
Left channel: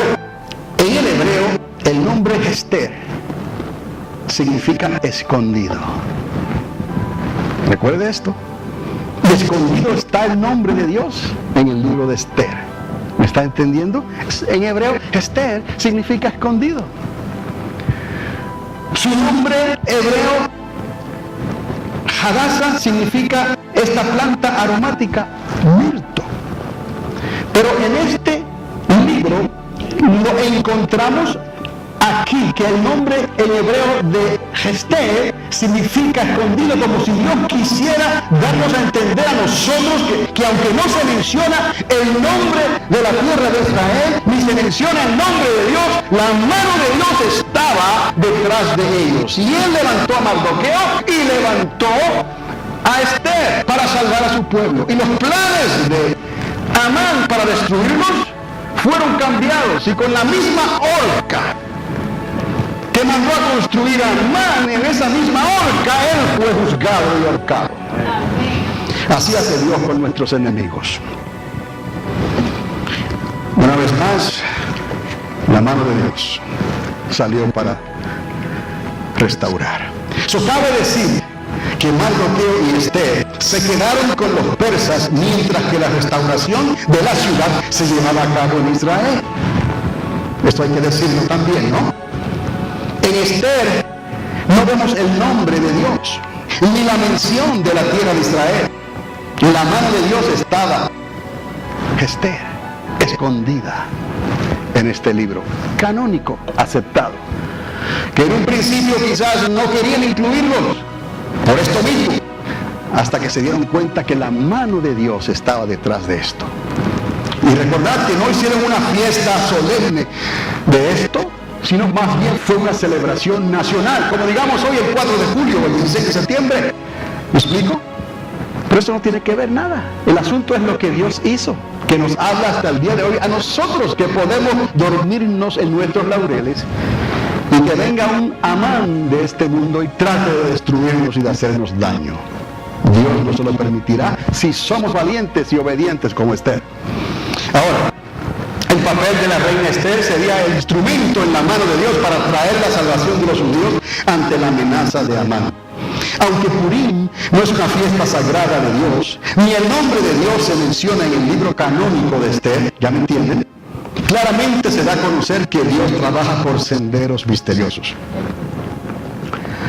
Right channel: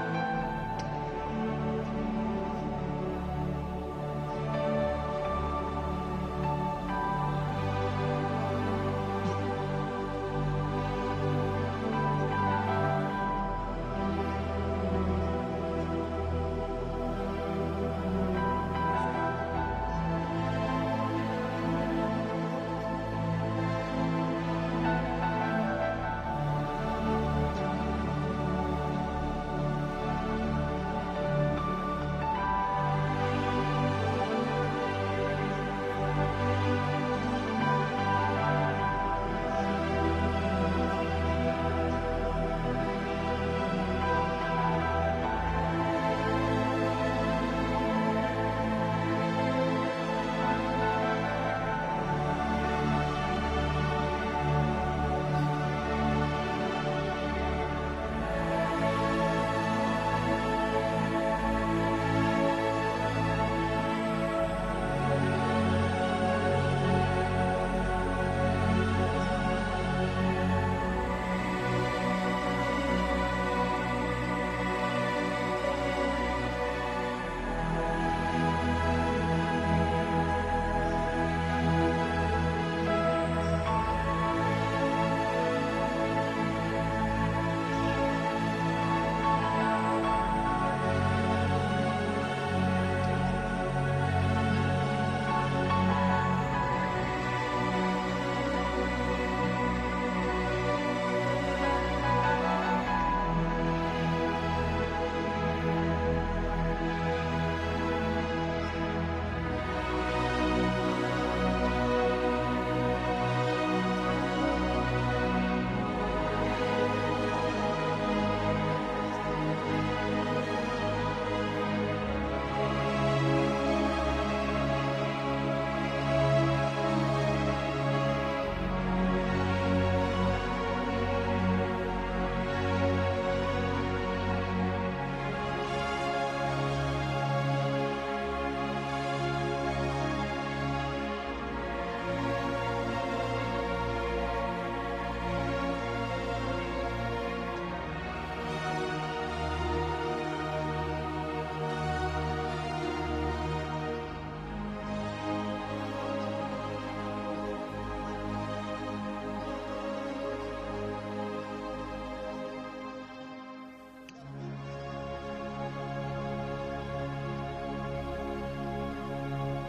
en el hebreo, el nombre Esther significa escondido. Recuerde esto. Escondido está el nombre de Dios en el libro de Esther. ¿Me está entendiendo? En hebreo, Esther significa escondido. Su nombre hebreo, Hadasa, significa esta planta aromática, mirto. Pero en este libro lo encontramos aquí, que el nombre en hebreo de Esther significa escondido, como si Dios quisiera darnos a entender a nosotros que aunque no se menciona el nombre de la tierra de Israel, ni se menciona el nombre de Dios, la mano de Dios estaba detrás de ellos. Y él levantó a Mardoqueo y levantó a Esther para salvar a su pueblo. Y los planes de Amán para destruirlos fueron cambiados, y con la misma horca que mandó a construir a Amán, en esa misma horca él fue juzgado y ahorcado. Así hace Dios con nuestros enemigos. Una vez más, la mano de Dios salió para restaurar. Cabe decir que Mardoqueo y Esther se quedaron con los persas mientras que la restauración de la ciudad se llevaba a cabo en Israel. Esto hay que decirlo también, ¿no? En Esther no vemos el nombre de Dios, ni la mención de la tierra de Israel. La mano de Dios estaba, Esther, escondida en este libro canónico, aceptado, que en un principio quizás no querían incluirlos, por esto mismo, hasta que se dieron cuenta que la mano de Dios estaba detrás de esto. Y recordad que no hicieron una fiesta solemne de esto, sino más bien fue una celebración nacional, como digamos hoy el 4 de julio o el 16 de septiembre. ¿Me explico? Pero eso no tiene que ver nada. El asunto es lo que Dios hizo, que nos habla hasta el día de hoy a nosotros, que podemos dormirnos en nuestros laureles y que venga un Amán de este mundo y trate de destruirnos y de hacernos daño. Dios no se lo permitirá si somos valientes y obedientes como Esther. Ahora, el papel de la reina Esther sería el instrumento en la mano de Dios para traer la salvación de los judíos ante la amenaza de Amán. Aunque Purim no es una fiesta sagrada de Dios, ni el nombre de Dios se menciona en el libro canónico de Esther, ¿ya me entienden? Claramente se da a conocer que Dios trabaja por senderos misteriosos.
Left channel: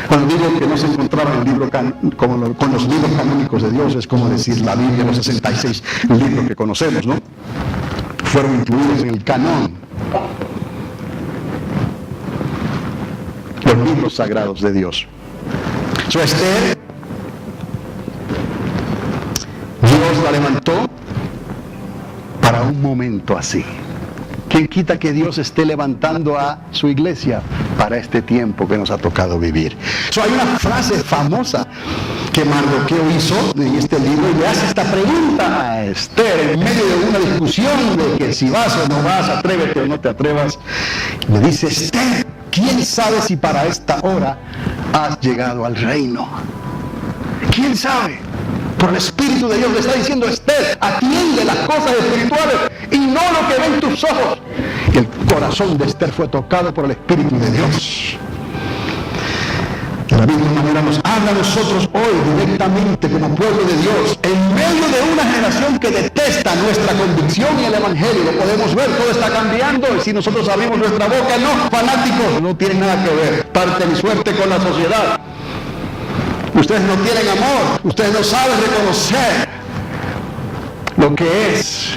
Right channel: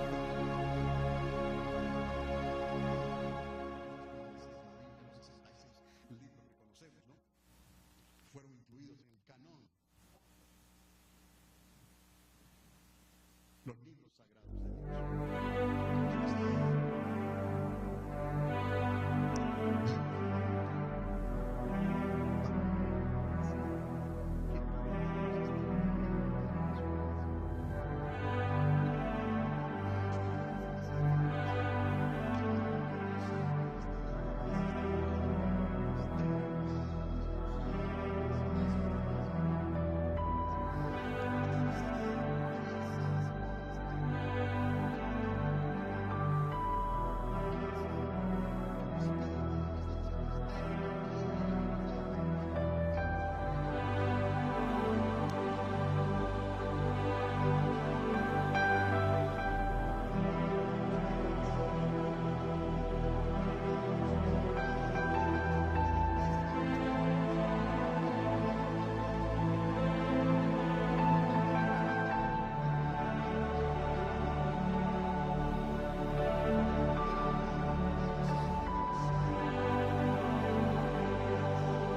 Cuando digo que no se encontraba en el libro con los libros canónicos de Dios, es como decir la Biblia, los 66 libros que conocemos, ¿no? Fueron incluidos en el canón, los libros sagrados de Dios. Esther, Dios la levantó para un momento así. ¿Quién quita que Dios esté levantando a su iglesia para este tiempo que nos ha tocado vivir? Hay una frase famosa que Mardoqueo hizo en este libro y le hace esta pregunta a Esther en medio de una discusión de que si vas o no vas, atrévete o no te atrevas. Le dice: Esther, ¿quién sabe si para esta hora has llegado al reino? ¿Quién sabe? Por el Espíritu de Dios le está diciendo: Esther, atiende las cosas espirituales y no lo que ven tus ojos. Y el corazón de Esther fue tocado por el Espíritu de Dios. De la misma manera nos habla a nosotros hoy directamente como pueblo de Dios, en medio de una generación que detesta nuestra convicción y el Evangelio. Lo podemos ver, todo está cambiando, y si nosotros abrimos nuestra boca, no, fanáticos, no tienen nada que ver, parte ni suerte con la sociedad. Ustedes no tienen amor, ustedes no saben reconocer lo que es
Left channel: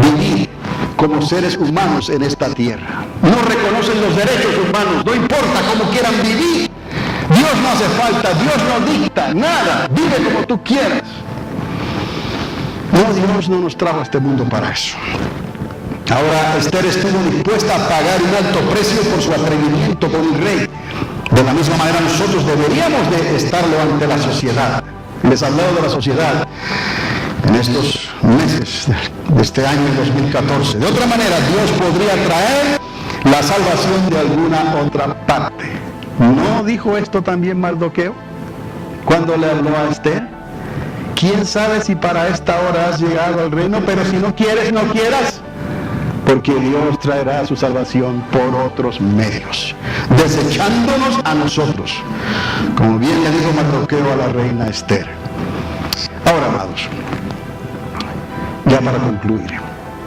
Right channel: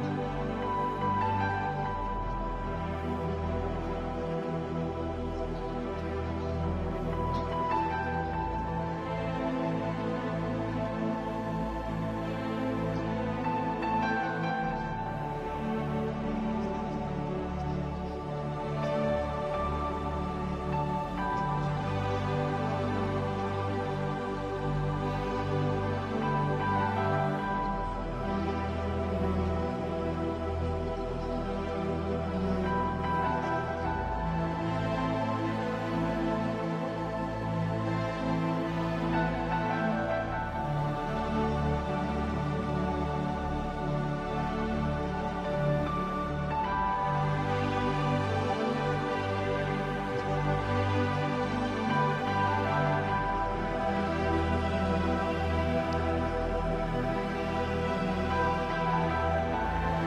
vivir como seres humanos en esta tierra. No reconocen los derechos humanos, no importa cómo quieran vivir. Dios no hace falta, Dios no dicta nada, vive como tú quieras. No, Dios no nos trajo a este mundo para eso. Ahora Esther estuvo dispuesta a pagar un alto precio por su atrevimiento con un rey. De la misma manera nosotros deberíamos de estarlo ante la sociedad. Les he hablado de la sociedad en estos meses de este año 2014. De otra manera, Dios podría traer la salvación de alguna otra parte. ¿No dijo esto también Mardoqueo cuando le habló a Esther? ¿Quién sabe si para esta hora has llegado al reino? Pero si no quieres, no quieras. Porque Dios traerá su salvación por otros medios, desechándonos a nosotros, como bien le dijo Mardoqueo a la reina Esther. Ahora, amados, ya para concluir,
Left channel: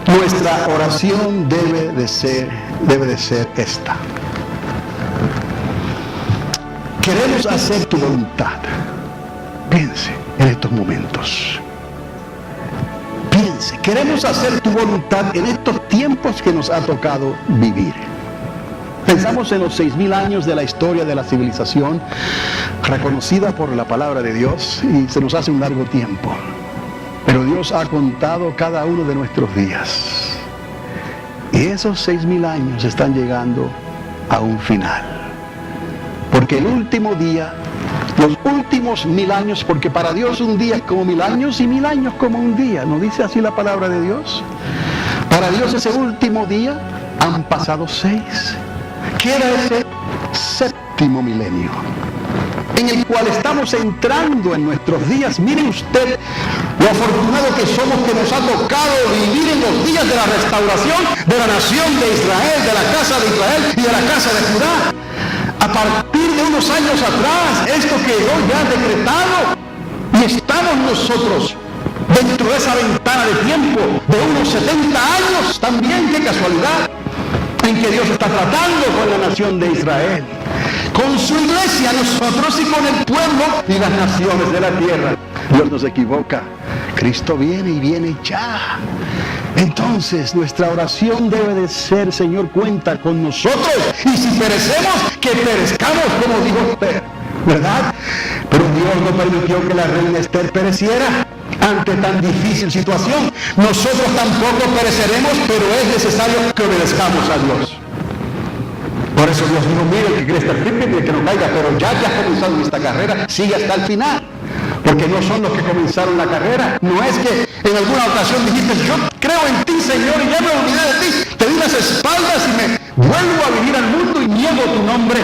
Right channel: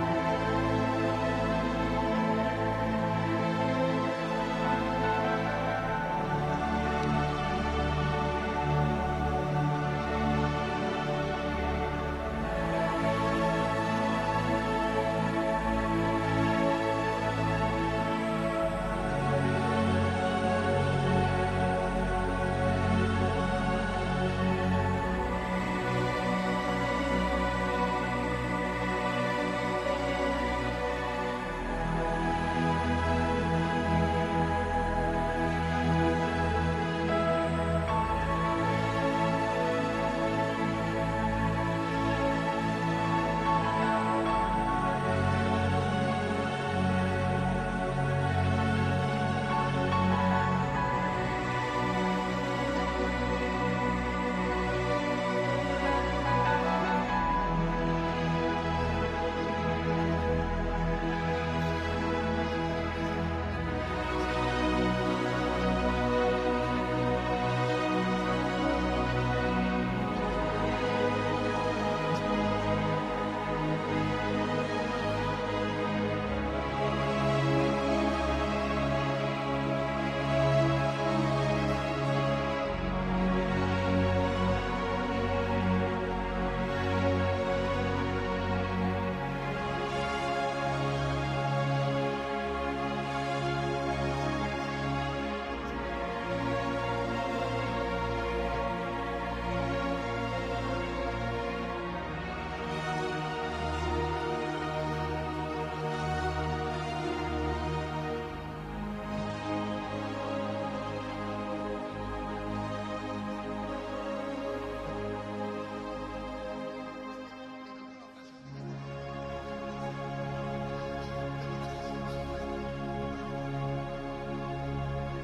nuestra oración debe de ser esta. Queremos hacer tu voluntad. Piense en estos momentos. Piense, queremos hacer tu voluntad en estos tiempos que nos ha tocado vivir. Pensamos en los 6,000 años de la historia de la civilización, reconocida por la palabra de Dios, y se nos hace un largo tiempo. Pero Dios ha contado cada uno de nuestros días. Y esos 6,000 años están llegando a un final. Porque el último día, los últimos 1,000 años, porque para Dios un día es como 1,000 años y 1,000 años como un día. ¿No dice así la palabra de Dios? Para Dios ese último día han pasado 6. Queda ese 7º milenio, en el cual estamos entrando en nuestros días. Mire usted lo afortunado que somos, que nos ha tocado vivir en los días de la restauración de la nación de Israel, de la casa de Israel y de la casa de Judá. A partir de unos años atrás, esto quedó ya decretado y estamos nosotros dentro de esa ventana de tiempo de unos 70 años también, qué casualidad, en que Dios está tratando con la nación de Israel, con su iglesia, nosotros, y con el pueblo y las naciones de la tierra. Dios no se equivoca, Cristo viene y viene ya. Entonces nuestra oración debe de ser: Señor, cuenta con nosotros, y si perecemos, que perezcamos, como dijo Esther, ¿verdad? Pero Dios no permitió que la reina Esther pereciera ante tan difícil situación. Nosotros tampoco pereceremos, pero es necesario que obedezcamos a Dios. Por eso Dios dijo: mire, el que quiere estar firme, el que no caiga, pero ya has comenzado en esta carrera, sigue hasta el final. Porque no son los que comenzaron la carrera. No es que en alguna ocasión dijiste: yo creo en ti, Señor, y ya me olvidé de ti, te di las espaldas y me vuelvo a vivir al mundo y niego tu nombre.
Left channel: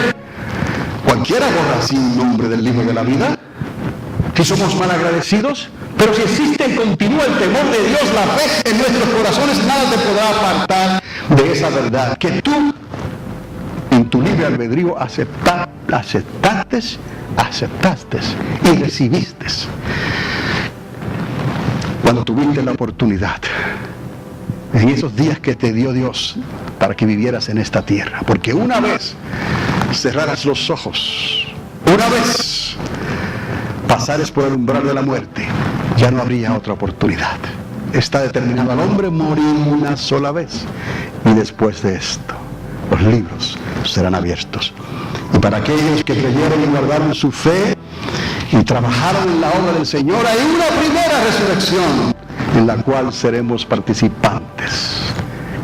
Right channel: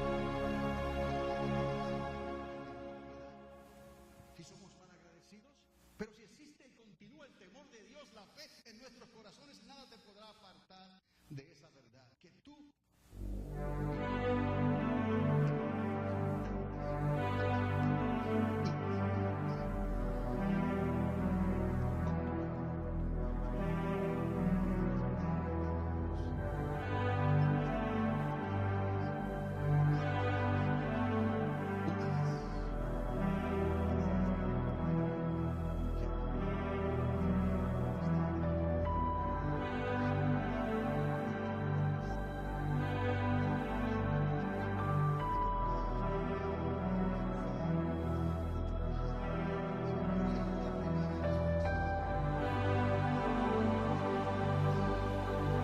Cualquiera borra así un nombre del libro de la vida. Si somos malagradecidos, pero si existe y continúa el temor de Dios, la fe en nuestros corazones, nada te podrá apartar de esa verdad que tú, en tu libre albedrío, aceptaste y recibiste cuando tuviste la oportunidad, en esos días que te dio Dios para que vivieras en esta tierra. Porque una vez cerraras los ojos, una vez pasares por el umbral de la muerte, ya no habría otra oportunidad. Está determinado al hombre morir una sola vez, y después de esto los libros serán abiertos. Y para aquellos que creyeron y guardaron su fe y trabajaron en la obra del Señor, hay una primera resurrección en la cual seremos participantes.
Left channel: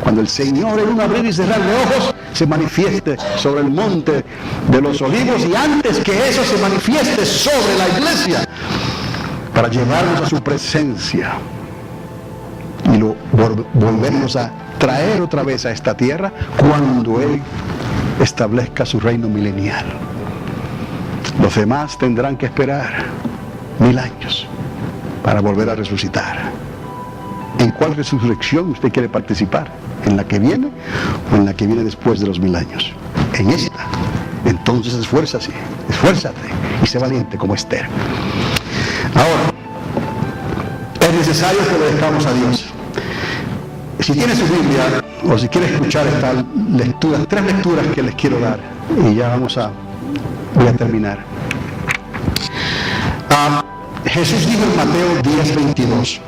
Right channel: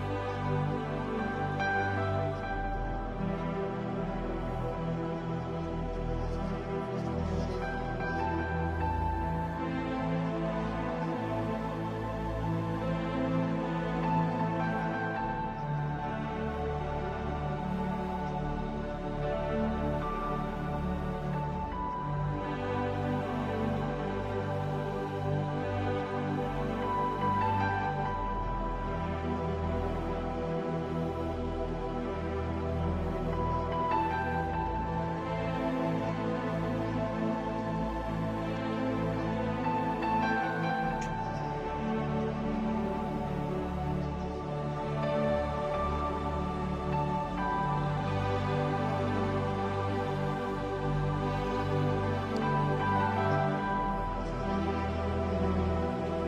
Cuando el Señor, en un abrir y cerrar de ojos, se manifieste sobre el monte de los olivos, y antes que eso se manifieste sobre la iglesia, para llevarnos a su presencia y volvernos a traer otra vez a esta tierra cuando Él establezca su reino milenial. Los demás tendrán que esperar 1000 años para volver a resucitar. ¿En cuál resurrección usted quiere participar? ¿En la que viene o en la que viene después de los 1000 años? En esta. Entonces esfuérzase. Esfuérzate y sé valiente como Esther. Ahora, es necesario que obedezcamos a Dios. Si tiene su Biblia o si quiere escuchar estas lecturas, 3 lecturas que les quiero dar y ya voy a terminar. Jesús dijo en Mateo 10:22:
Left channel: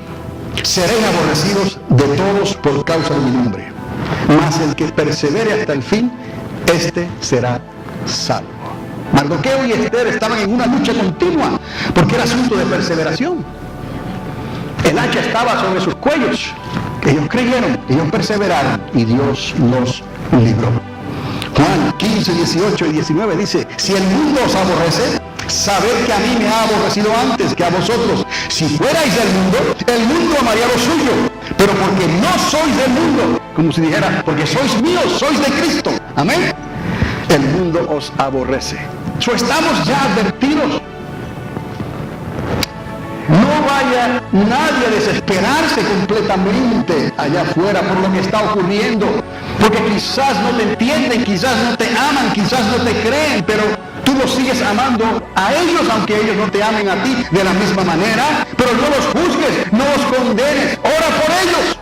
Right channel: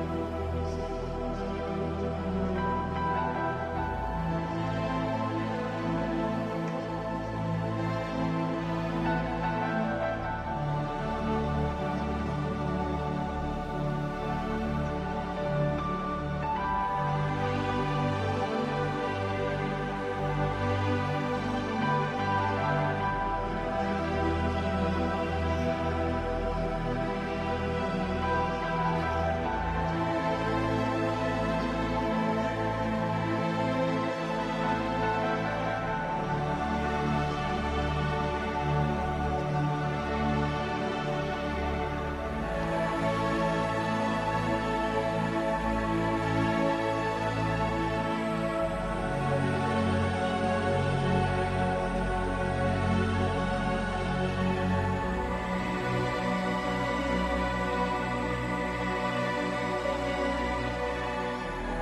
seréis aborrecidos de todos por causa de mi nombre, mas el que persevere hasta el fin, este será salvo. Mardoqueo y Esther estaban en una lucha continua porque era asunto de perseveración. El hacha estaba sobre sus cuellos. Ellos creyeron, ellos perseveraron y Dios los libró. Juan 15:18 y 19 dice: si el mundo os aborrece, sabed que a mí me ha aborrecido antes que a vosotros. Si fuerais del mundo, el mundo amaría lo suyo, pero porque no sois del mundo, como si dijera, porque sois míos, sois de Cristo, amén, el mundo os aborrece. Estamos ya advertidos. No vaya nadie a desesperarse completamente allá afuera por lo que está ocurriendo, porque quizás no te entienden, quizás no te aman, quizás no te creen, pero tú los sigues amando a ellos, aunque ellos no te amen a ti de la misma manera. Pero no los juzgues, no los condenes, ora por ellos,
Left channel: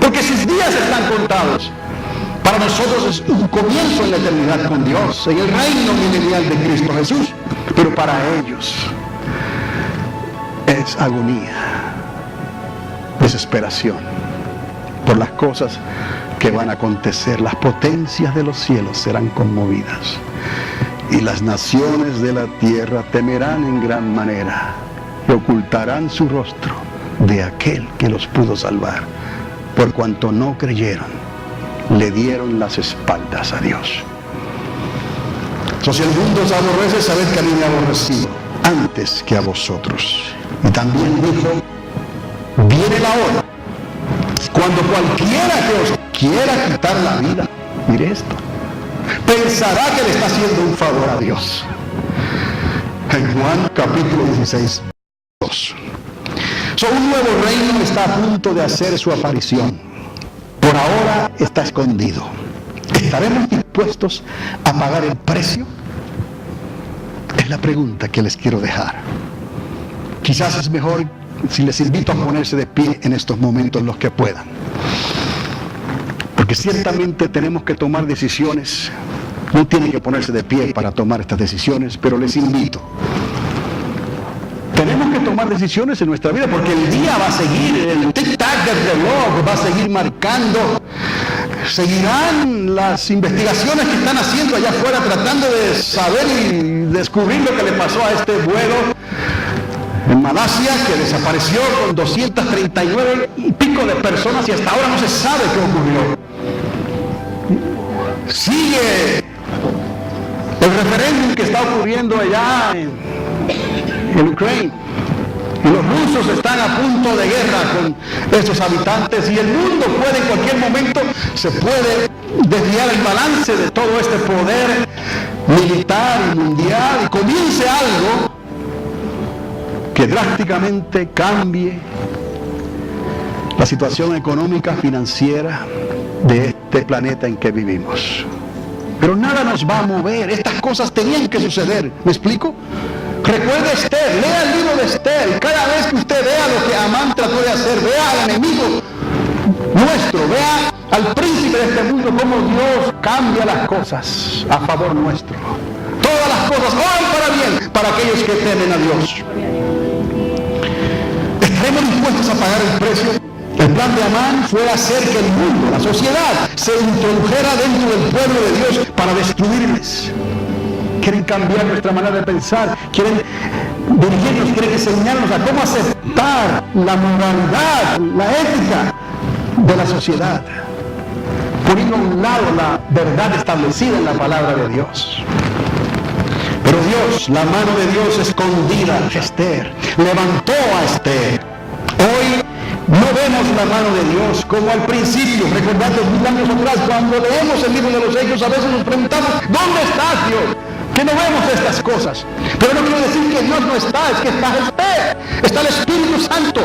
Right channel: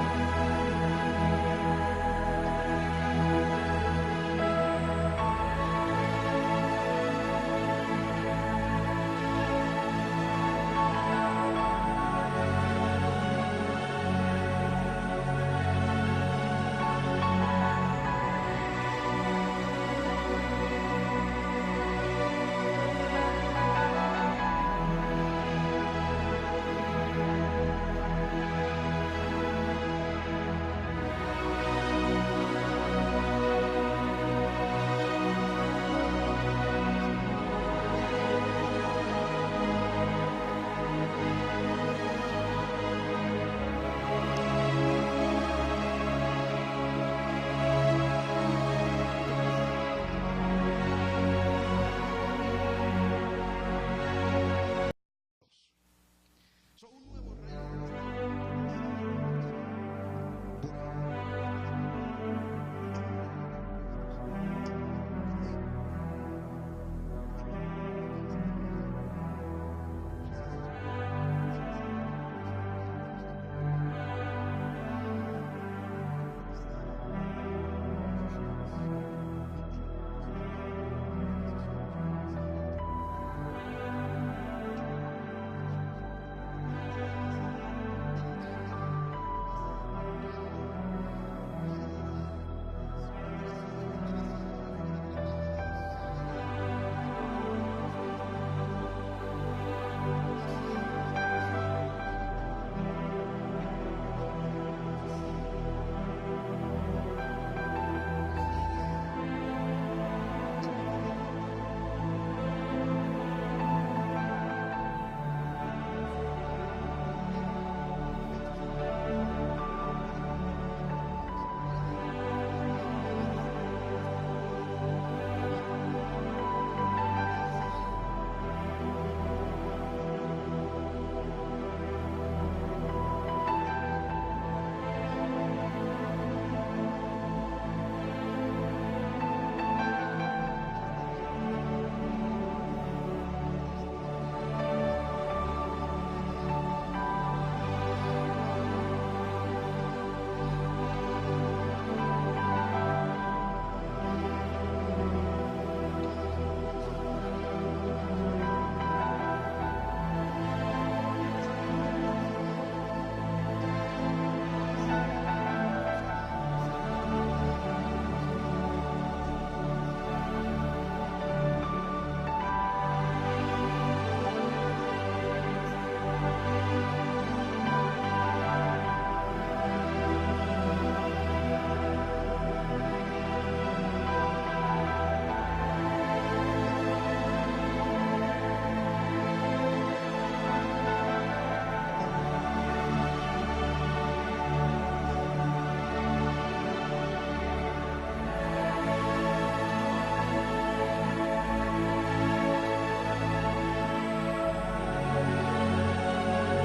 porque sus días están contados. Para nosotros es un comienzo en la eternidad con Dios, en el reino milenial de Cristo Jesús, pero para ellos es agonía, desesperación por las cosas que van a acontecer. Las potencias de los cielos serán conmovidas y las naciones de la tierra temerán en gran manera y ocultarán su rostro de aquel que los pudo salvar, por cuanto no creyeron, le dieron las espaldas a Dios. Si el mundo os aborrece, sabed que a mí me ha aborrecido antes que a vosotros. Y también dijo: viene la hora cuando cualquiera que os quiera quitar la vida, mire esto, pensará que le está haciendo un favor a Dios. En Juan capítulo 16, 2. Un nuevo reino está a punto de hacer su aparición. Por ahora está escondido. ¿Estaremos dispuestos a pagar el precio? Es la pregunta que les quiero dejar. Quizás es mejor si les invito a ponerse de pie en estos momentos los que puedan. Porque ciertamente tenemos que tomar decisiones. No tienen que ponerse de pie para tomar estas decisiones, pero les invito. Tenemos que tomar decisiones en nuestra vida porque el día va a seguir, el tic-tac del reloj va a seguir marcando. Seguirán las investigaciones que están haciendo allá afuera tratando de saber y descubrir lo que le pasó a este vuelo en Malasia, que desapareció con 239 y pico de personas y hasta ahora no se sabe qué ocurrió. Sigue el referéndum que está ocurriendo allá en Ucrania. Y los rusos están a punto de guerra con estos habitantes y el mundo puede en cualquier momento, se puede desviar el balance de todo este poder militar y mundial y comience algo que drásticamente cambie la situación económica, financiera de este planeta en que vivimos. Pero nada nos va a mover, estas cosas tenían que suceder, ¿me explico? Recuerde Esther, lea el libro de Esther, cada vez que usted vea lo que Amán trató de hacer, vea al enemigo nuestro, vea al príncipe de este mundo, cómo Dios cambia las cosas a favor nuestro. Todas las cosas obran para bien para aquellos que temen a Dios. ¿Estaremos dispuestos a pagar el precio? El plan de Amán fue hacer que el mundo, la sociedad, se introdujera dentro del pueblo de Dios para destruirles. Quieren cambiar nuestra manera de pensar, quieren dirigirnos, quieren enseñarnos a cómo aceptar la moralidad, la ética de la sociedad, poniendo a un lado la verdad establecida en la palabra de Dios. Pero Dios, la mano de Dios escondida a Esther, levantó a Esther. Hoy no vemos la mano de Dios como al principio, recordando 1000 años atrás, cuando leemos el libro de los Hechos, a veces nos preguntamos, ¿dónde estás, Dios? Que no vemos estas cosas. Pero no quiero decir que Dios no está, es que está Esther, está el Espíritu Santo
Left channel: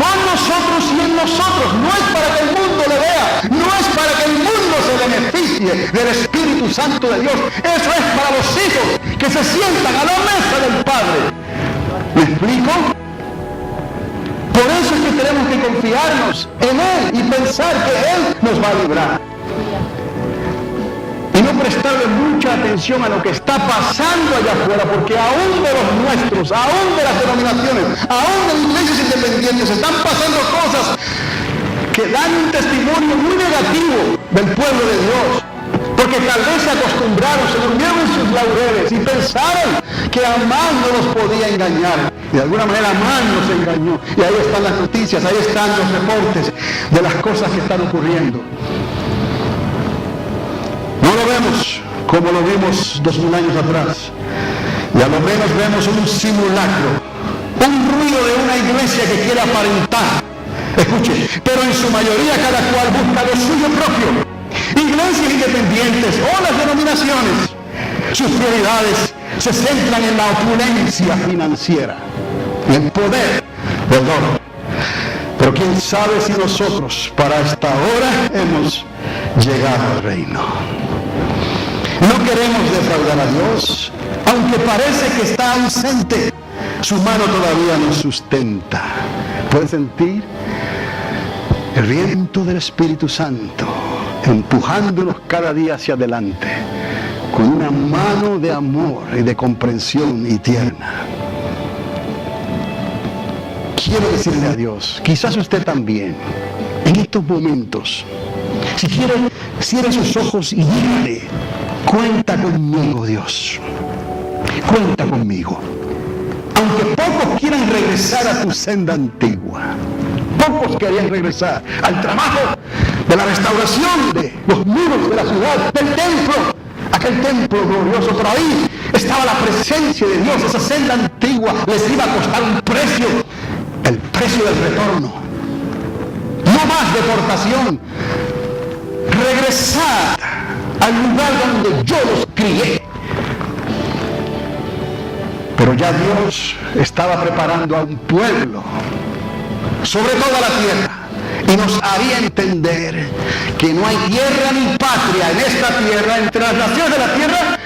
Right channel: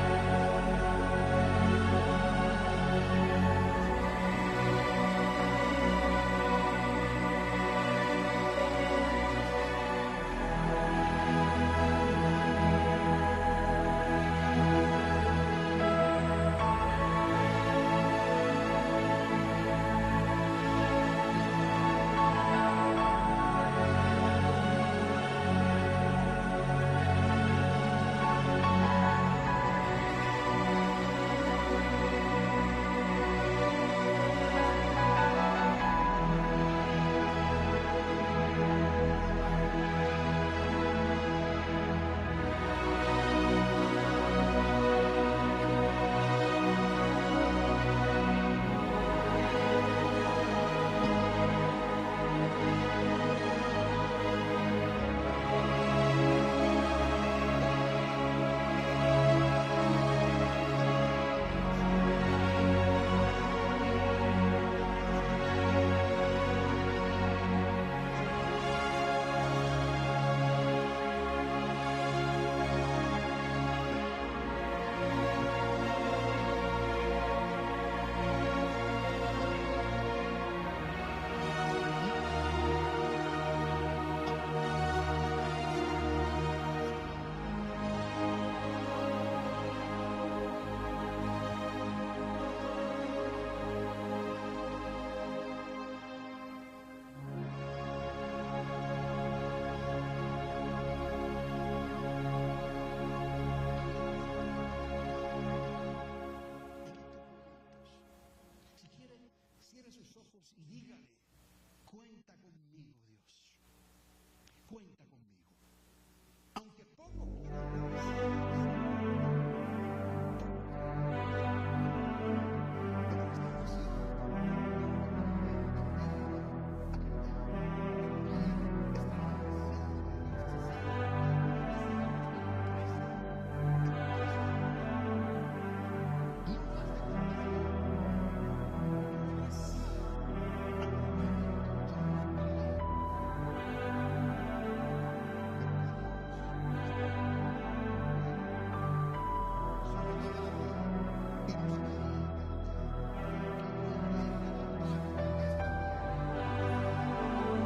con nosotros y en nosotros. No es para que el mundo le vea, no es para que el mundo se beneficie, fluye del Espíritu Santo de Dios. Eso es para los hijos que se sientan a la mesa del Padre. ¿Me explico? Por eso es que tenemos que confiarnos en Él y pensar que Él nos va a librar. Y no prestarle mucha atención a lo que está pasando allá afuera, porque aún de los nuestros, aún de las denominaciones, aún de iglesias independientes, están pasando cosas que dan un testimonio muy negativo del pueblo de Dios, porque tal vez se acostumbraron, se durmieron en sus laureles y pensaron que Amán no los podía engañar. De alguna manera Amán nos engañó, y ahí están las noticias, ahí están los reportes de las cosas que están ocurriendo. No lo vemos como lo vimos 2000 años atrás, y a lo menos vemos un simulacro, un ruido de una iglesia que quiere aparentar. Escuche, pero en su mayoría cada cual busca lo suyo propio. Iglesias independientes o las denominaciones, sus prioridades se centran en la opulencia financiera, en el poder del oro. Pero quién sabe si nosotros para esta hora hemos llegado al reino. No queremos defraudar a Dios, aunque parece que está ausente, su mano todavía nos sustenta. ¿Pueden sentir el viento del Espíritu Santo empujándonos cada día hacia adelante con una mano de amor y de comprensión y tierna? Quiero decirle a Dios, quizás usted también, en estos momentos, si quiere, cierre sus ojos y dígale: cuenta conmigo, Dios, cuenta conmigo. Aunque pocos quieran regresar a tu senda antigua, pocos querían regresar al trabajo de la restauración de los muros de la ciudad, del templo, aquel templo glorioso, pero ahí estaba la presencia de Dios. Esa senda antigua les iba a costar un precio, el precio del retorno. No más deportación. Regresar al lugar donde yo los crié. Pero ya Dios estaba preparando a un pueblo sobre toda la tierra, y nos haría entender que no hay tierra ni patria en esta tierra, entre las naciones de la tierra,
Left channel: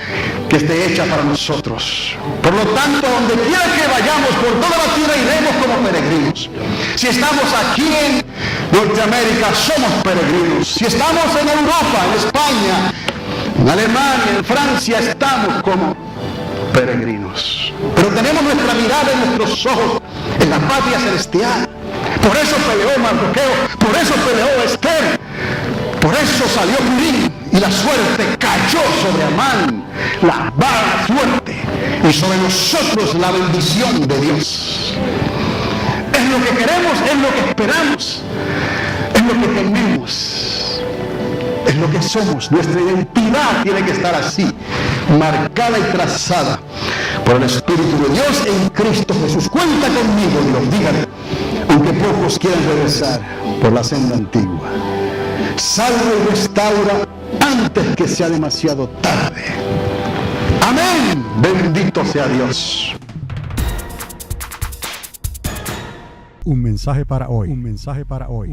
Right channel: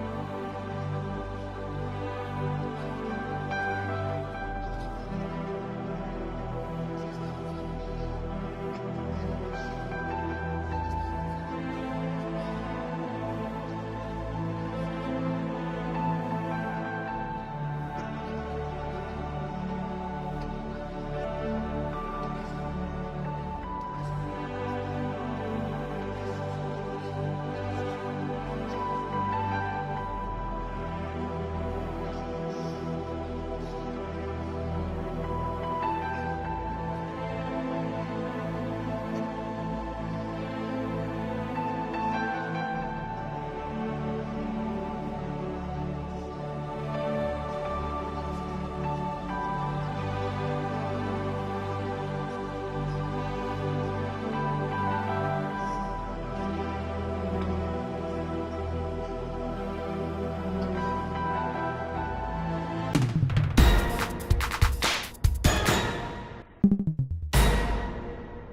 que esté hecha para nosotros. Por lo tanto, donde quiera que vayamos por toda la tierra, iremos como peregrinos. Si estamos aquí en Norteamérica, somos peregrinos. Si estamos en Europa, en España, en Alemania, en Francia, estamos como peregrinos. Pero tenemos nuestra mirada y nuestros ojos en la patria celestial. Por eso peleó Mardoqueo, por eso peleó Esther, por eso salió Purim, y la suerte cayó sobre Amán, la vara suerte, y sobre nosotros la bendición de Dios. Es lo que queremos, es lo que esperamos, es lo que tenemos, es lo que somos. Nuestra identidad tiene que estar así, marcada y trazada por el Espíritu de Dios en Cristo Jesús. Cuenta conmigo, Dios, dígale, aunque pocos quieran regresar por la senda antigua. Salva y restaura antes que sea demasiado tarde. Amén. Bendito sea Dios. Un mensaje para hoy. Un mensaje para hoy.